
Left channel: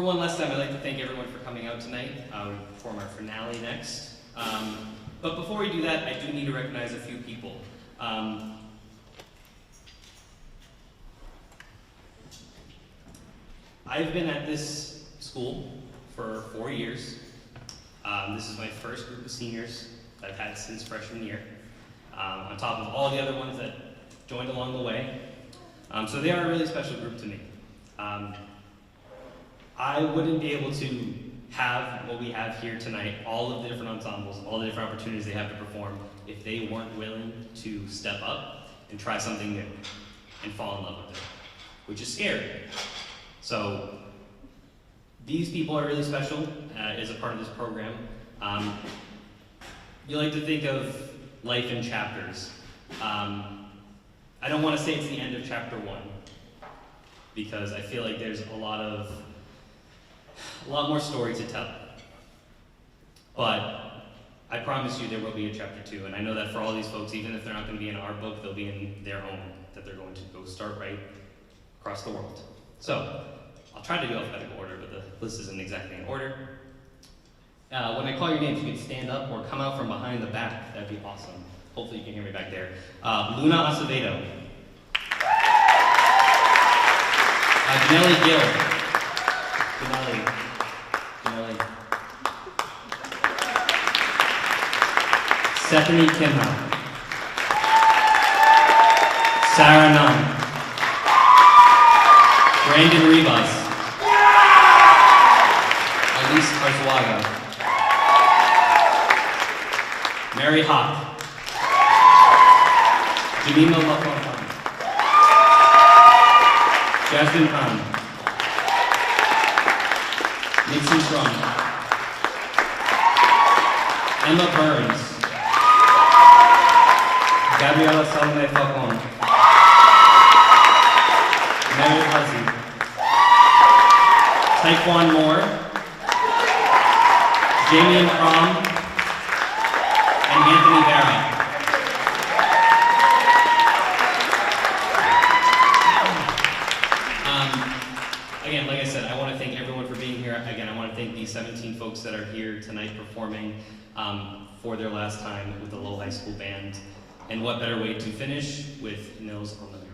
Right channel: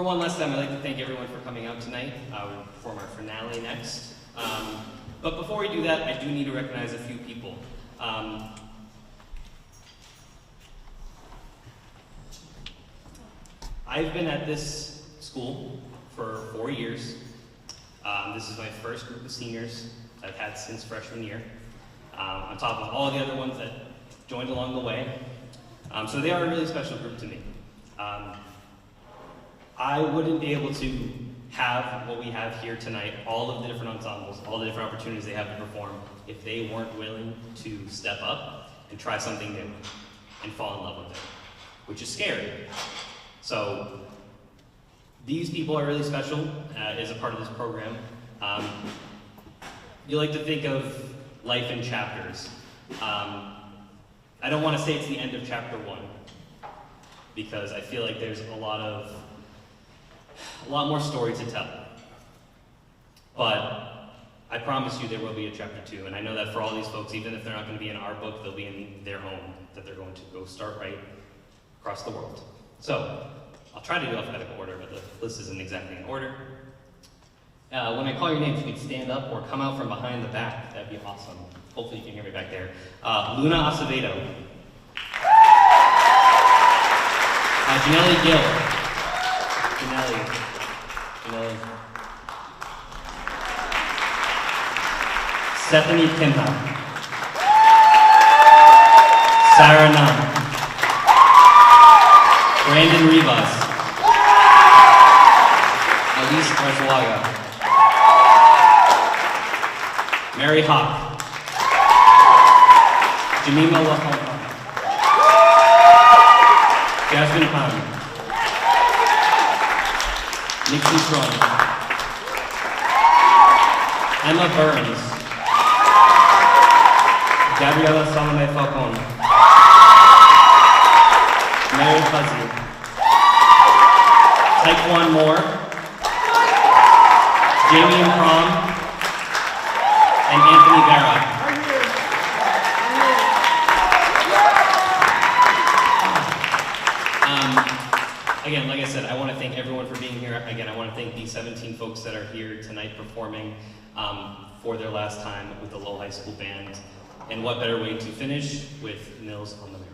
For one last time, I'd like to thank everyone for coming out tonight. We perform our finale next. But before we do that, I do need to recognize a few people. I've been at this school for 4 years. This is my first group of seniors I've had since freshman year, on top of all the other ones that joined along the way. So they are a really special group to me. I wouldn't be able to have what we have here tonight, all of the different ensembles, all the different opportunities they have to perform, if they weren't willing to step up and try something new and fall in love with it, which is scary. So these people are really special as a part of this program. You like to think of life in chapters. I don't want to say it's the end of chapter 1, because I feel like there's a lot more story to tell. But I promise you there will be a chapter 2, and I know that for all these folks, even if they're not going to be in our book, they'll be in their own, that they're going to go start right across the world. So, I'll try to do alphabetical order, but the list isn't exactly in order. When I call your names, you can stand up or come out from behind the back. That'd be awesome. Hopefully you can hear me back there. Luna Acevedo. Janelle Gill. Janelle. Stephanie Kimha. Sarah Nunn. Brandon Rivas. Elise Arzuaga. Mary Hawk. Jemima Lafontaine. Jasmine Pound. Nixie Strong. Emma Burns. Gabriela Salome Falcon. Mary Fuzzy. Taekwon Moore. Damien Crom. And Anthony Vera. Again, like I said, I want to thank everyone for being here. Again, I want to thank these 17 folks that are here tonight performing for their last time with the Lowell High School Band. And what better way to finish with Nils on the Merrimack.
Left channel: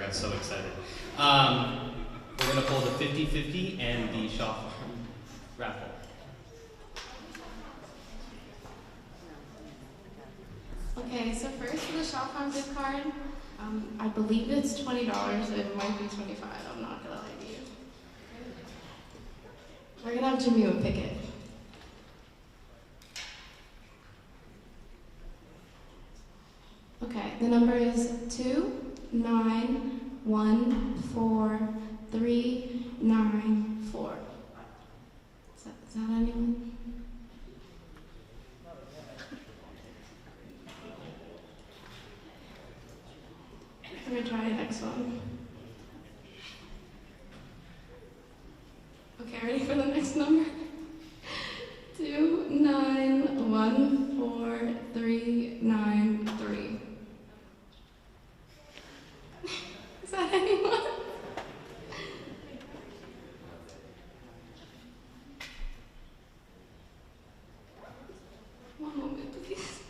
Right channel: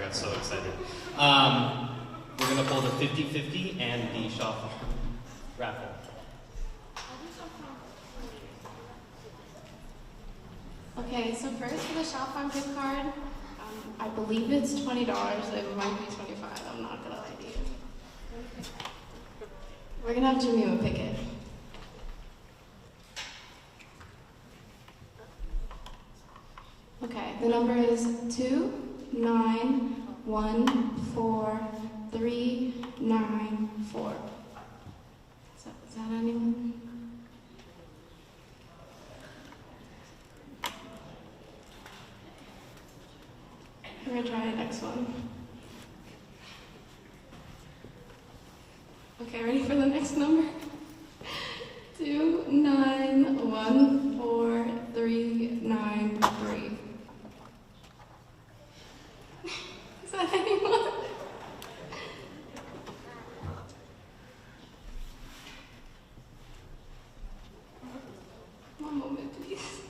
I got so excited. We're going to pull the 50-50 and the shop raffle. Okay, so first for the shop farm gift card, I believe it's $20. It might be $25. I'm not gonna lie to you. We're gonna have Jimmy pick it. Okay, the number is 2914394. Is that anyone? We're gonna try the next one. Okay, ready for the next number? 2914393. Is that anyone? One moment, please.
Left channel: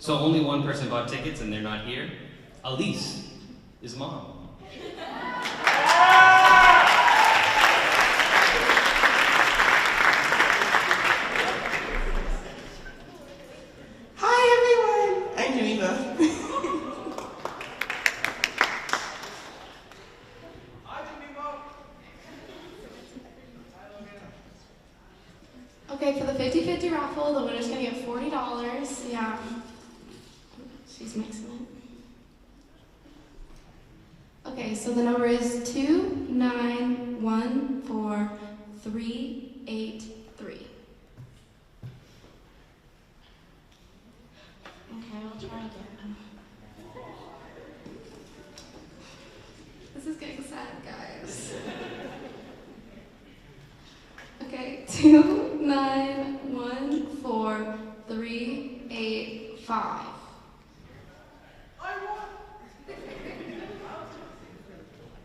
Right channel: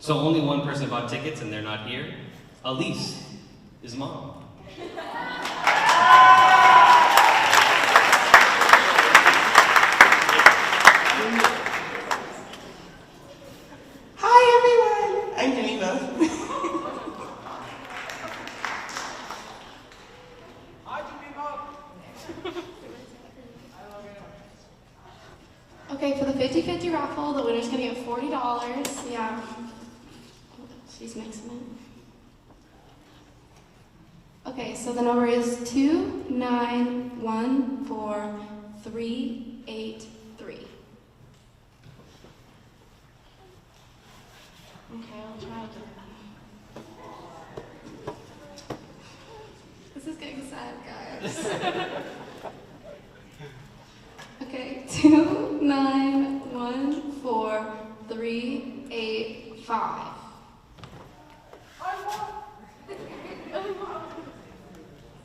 So only one person bought tickets and they're not here. Elise is mom. Hi everyone, I'm Janina. Hi, Jimmy. Okay, for the 50-50 raffle, the winner's gonna get $40. Yeah. She's mixing it. Okay, so the number is 2914383. Okay, I'll try again. This is getting sad, guys. Okay, 2914385.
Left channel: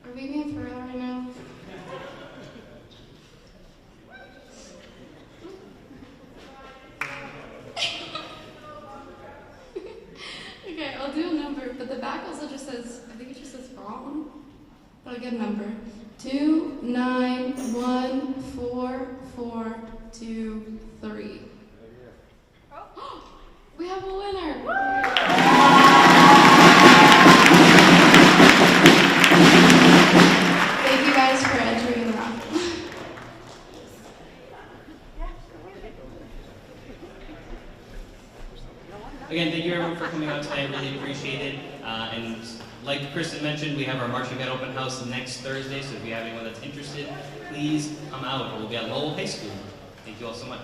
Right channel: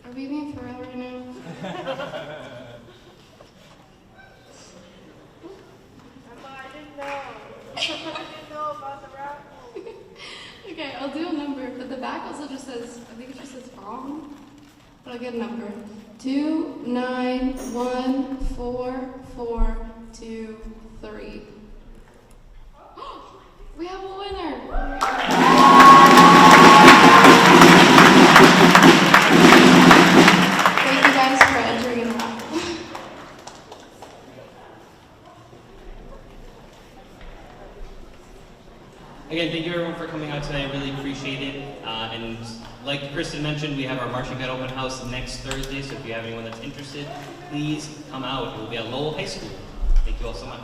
Are we being for real right now? Okay, I'll do a number, but the back also just says, I think it just says wrong. I'll get a number. 2914423. We have a winner! Thank you guys for entering the raffle. Again, thank you everyone for coming out tonight. I really appreciate it. And like Kristen mentioned, we have our marching band open house next Thursday. So if you have anyone that's interested, please come out. We'll be at Lowell High School. Thank you all so much.